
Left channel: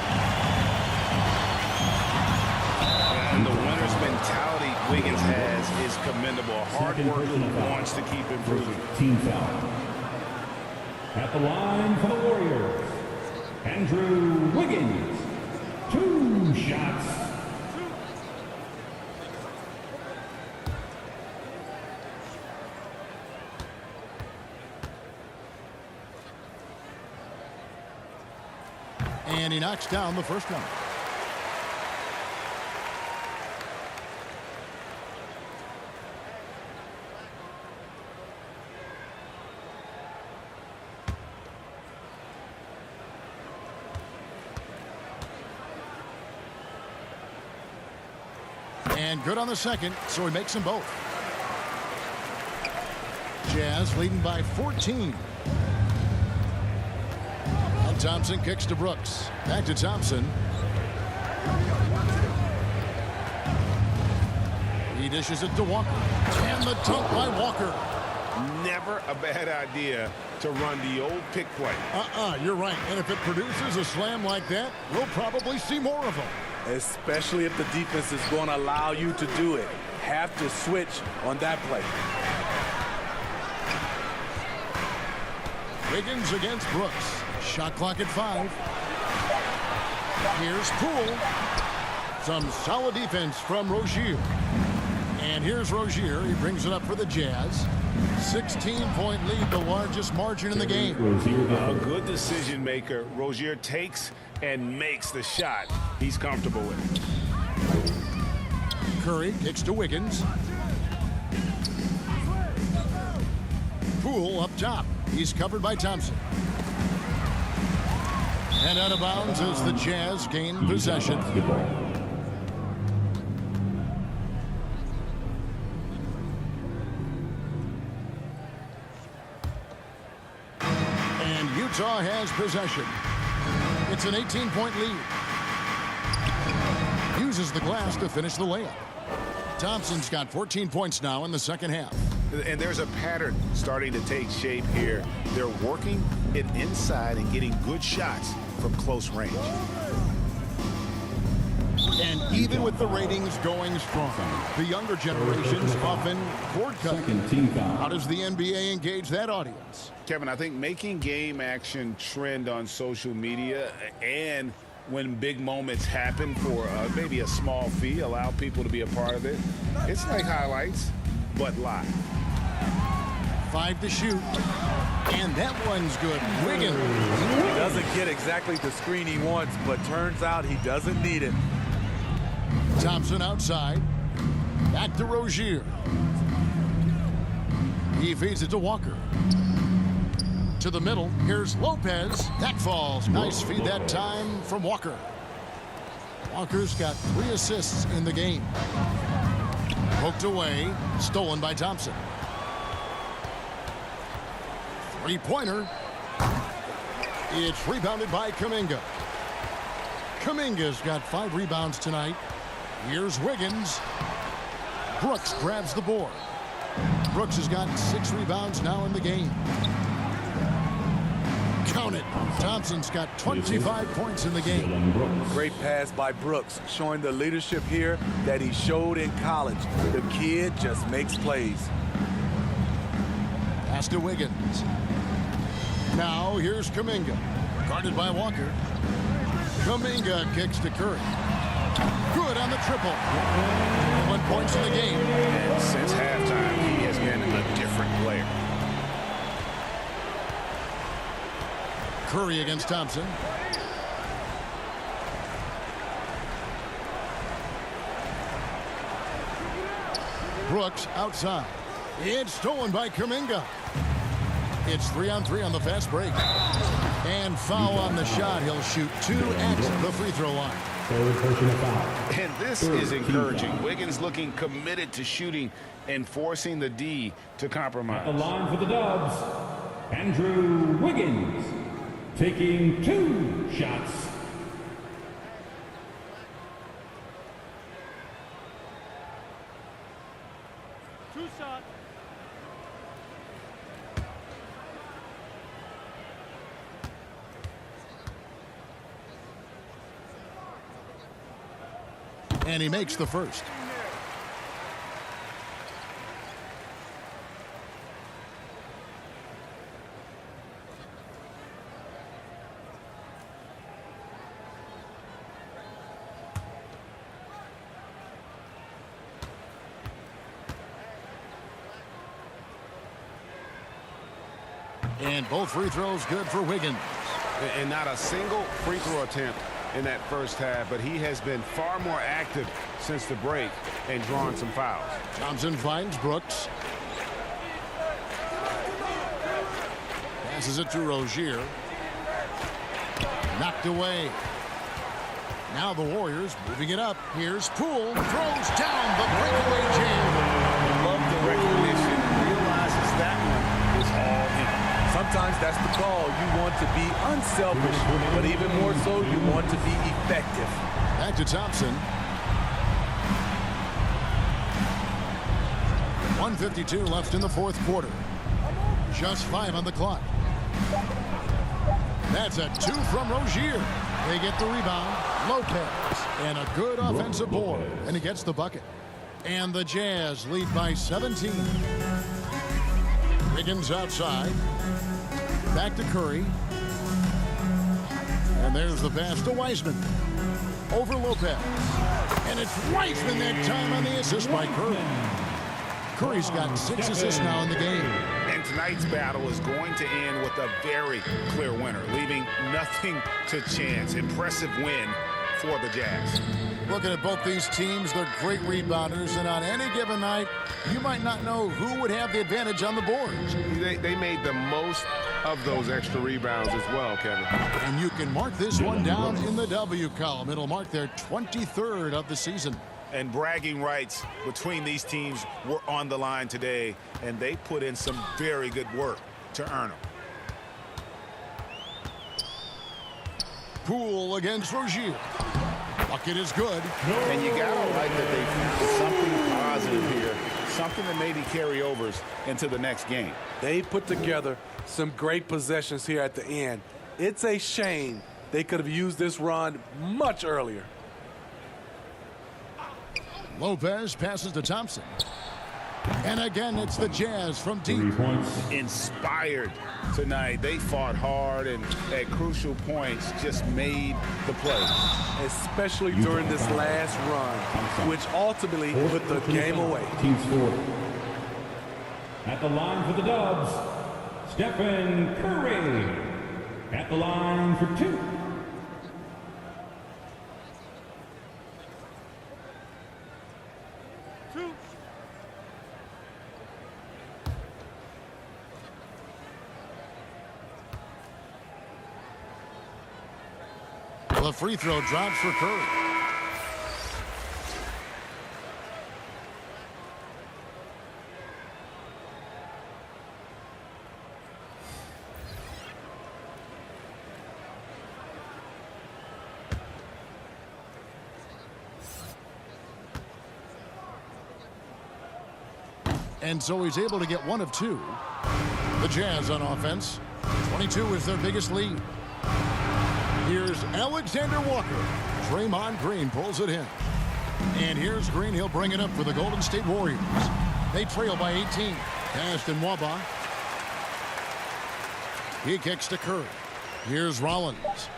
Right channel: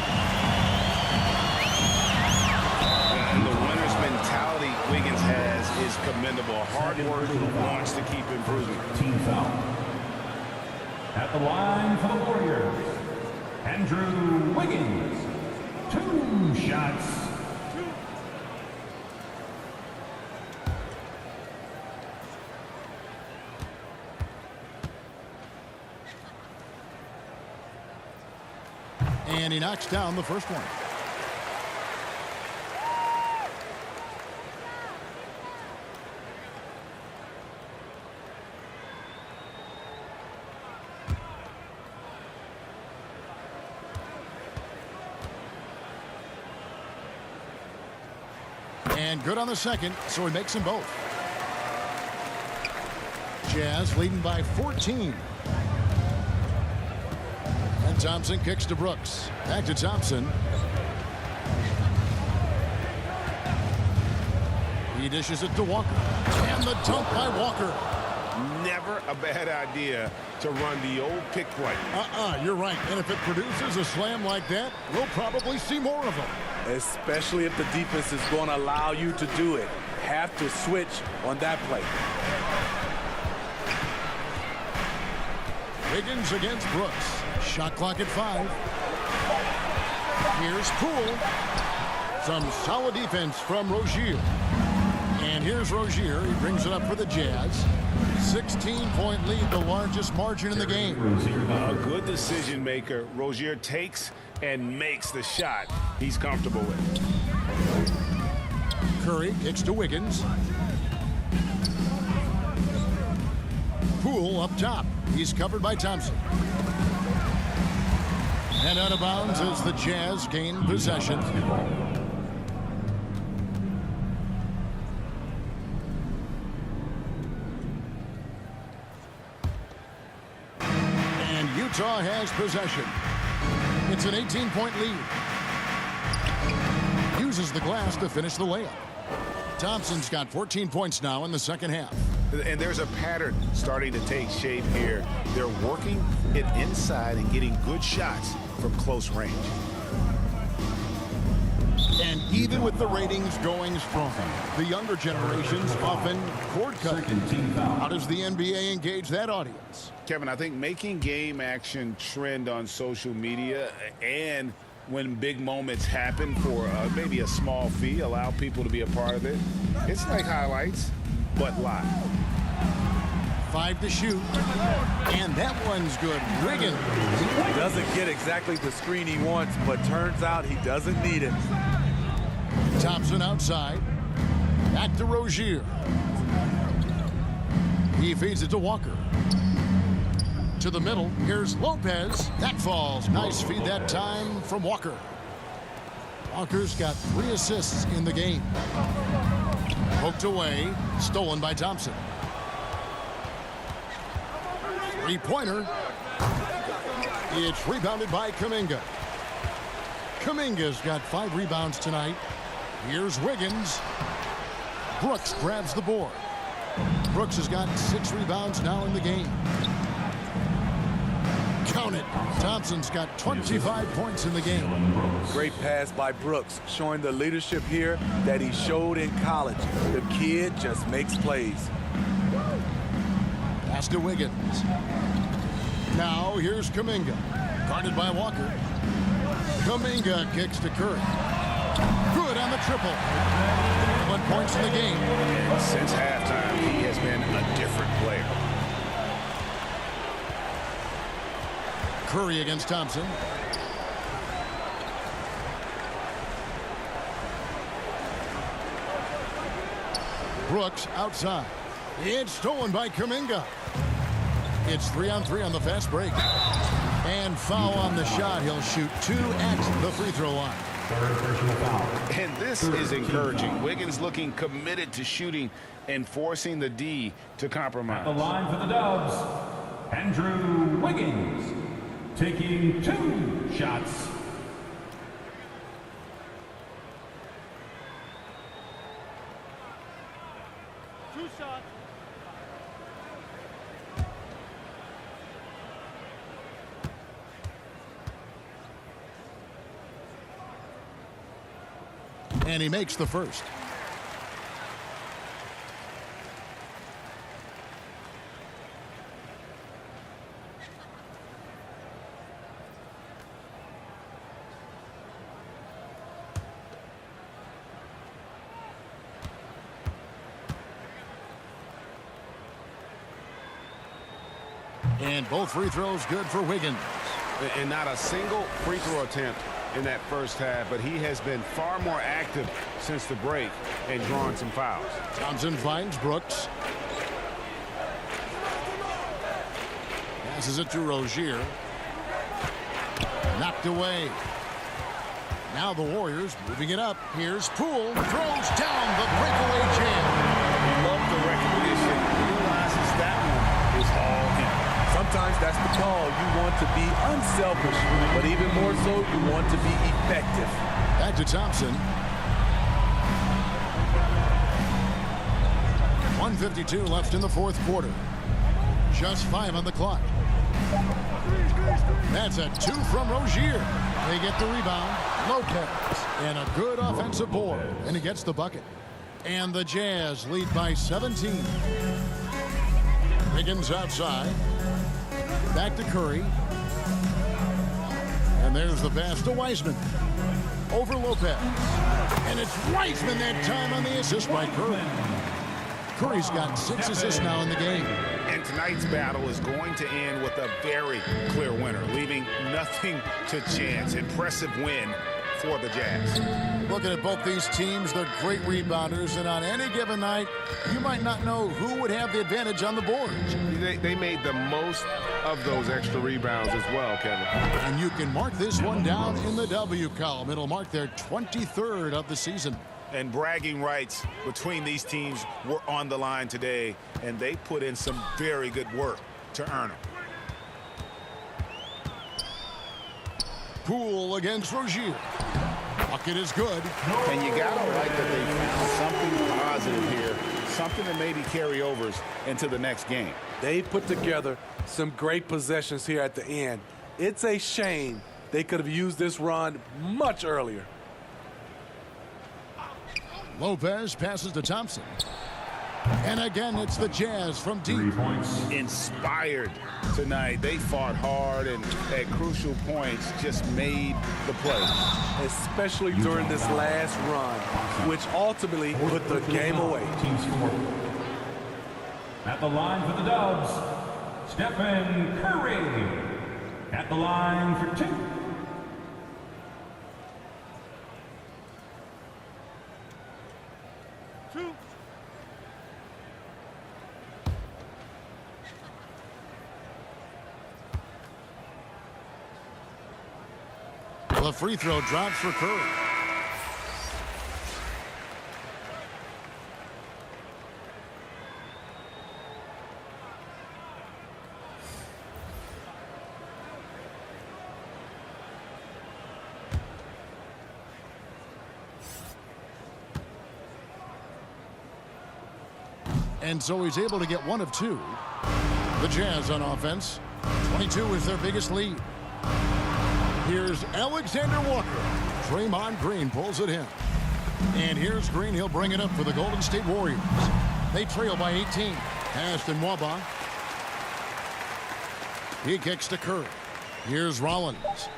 And the winner's mentality Wiggins has is commendable. A hard worker who wants to keep improving. Team foul. At the line for the Warriors, Andrew Wiggins. 2 shots. And he knocks down the first one. And good on the second, so he makes them both. Jazz leading by 14. And Thompson kicks to Brooks. Back to Thompson. He dishes it to Walker. And the dunk by Walker. Never a bad idea to run the old pick play. You're right. And if it produces a slam like that, we'll probably see more of them. Especially if the defense is going to allow you to do it. Have to switch on that play. Wiggins against Brooks. Shot clock at 5. Here's Poole. Some solid defense from Rozier. And here's Rozier. He brings it up for the Jazz. 16-point lead, the largest margin in the game. A good decision maker. Rozier takes and makes the shot he's comfortable with. Curry kicks to Wiggins. Poole up top. He's covered by Thompson. And out of bounds as the Jazz gain possession. And Utah has possession. It's an 18-point lead. Uses the glass to finish the layup. Thompson's got 14 points now in the second half. And there's a pattern starting to take shape here. They're working it inside and getting good shots from close range. And even with the ratings going strong, the younger generations often cord cut. How does the NBA engage that audience? Kevin, I think making game action trend on social media and when big moments happen for maybe a small fee, allow people to be a part of it. It's like highlights, but live. 5 to shoot. And that one's good. Wiggins. Doesn't get exactly the screen he wants, but turns out he doesn't need it. Thompson outside. Back to Rozier. He feeds it to Walker. To the middle. Here's Lopez. That falls. Nice feed that time from Walker. Walker's got 3 assists in the game. Poked away. Stolen by Thompson. Three-pointer. It's rebounded by Kuminga. Kuminga's got 5 rebounds tonight. Here's Wiggins. Brooks grabs the board. Brooks has got 6 rebounds now in the game. Count it. Thompson's got 25 points in the game. Great pass by Brooks, showing the leadership here that he showed in college. The kid just makes plays. Pass to Wiggins. Now here's Kuminga. Guarded by Walker. Kuminga kicks to Curry. Good on the triple. 1 points in the game. And since halftime, he has been a different player. Curry against Thompson. Brooks outside. It's stolen by Kuminga. It's 3-on-3 on the fast break. And foul on the shot. He'll shoot 2 at the free throw line. Third personal foul. And this is encouraging. Wiggins looking committed to shooting and forcing the D to compromise. The line for the Dubs, Andrew Wiggins, taking 2 shots. And he makes the first. And both free throws good for Wiggins. And not a single free throw attempt in that first half, but he has been far more active since the break and drawn some fouls. Thompson finds Brooks. Passes it to Rozier. Knocked away. Now the Warriors moving it up. Here's Poole. Throws down the breakaway jam. Love the recognition. Realizes that one is all him. Sometimes that's the call. You want to be unselfish, but even more so, you want to be effective. Back to Thompson. 1:52 left in the fourth quarter. Just 5 on the clock. That's a 2 from Rozier. They get the rebound. Lopez. And a good offensive board. And he gets the bucket. And the Jazz lead by 17. Wiggins outside. Back to Curry. And there's the pass to Wiseman. Over Lopez. And it's Wiseman that time on the assist by Curry. Curry's got 6 assists now in the game. And tonight's battle is going to end with a very clear winner, leaving nothing to chance. Impressive win for the Jazz. Looking at both these teams, they're great rebounders, and on any given night, you might not know who would have the advantage on the boards. They made the most of those extra rebounds as well, Kevin. And you can mark this one down in the W column. It'll mark their 23rd of the season. And bragging rights between these teams were on the line today, and they put in some very good work to earn them. Poole against Rozier. Bucket is good. And you got to like that they found something positive here, something that maybe carry overs into the next game. They put together some great possessions here at the end. It's a shame they could have used this run much earlier. Lopez passes to Thompson. And again, it's the Jazz from deep. Inspired tonight. They fought hard and at crucial points just made the play. Especially during this last run, which ultimately put the game away. Team score. At the line for the Dubs, Stephen Curry. At the line for 2. The free throw drops for Curry. And so he's able to get 1 of 2. The Jazz on offense. 22 is their biggest lead. Here's Alexander Walker. Draymond Green pulls it in. And here's Green. He'll bring it up for the Golden State Warriors. They trail by 18. Passed in Waba. He kicks to Curry. Here's Rollins.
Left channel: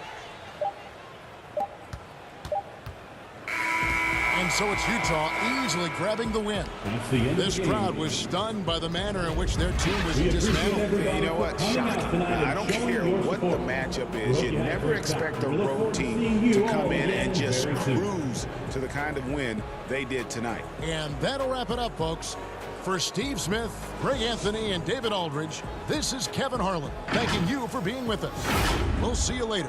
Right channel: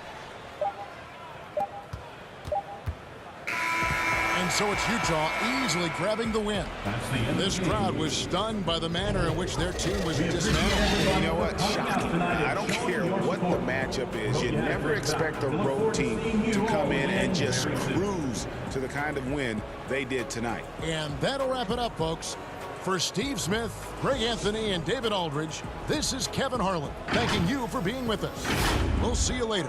And so it's Utah easily grabbing the win. This crowd was stunned by the manner in which their team was dismantled. You know what? Shocking. I don't care what the matchup is. You never expect a road team to come in and just cruise to the kind of win they did tonight. And that'll wrap it up, folks. For Steve Smith, Greg Anthony, and David Aldridge, this is Kevin Harlan thanking you for being with us. We'll see you later.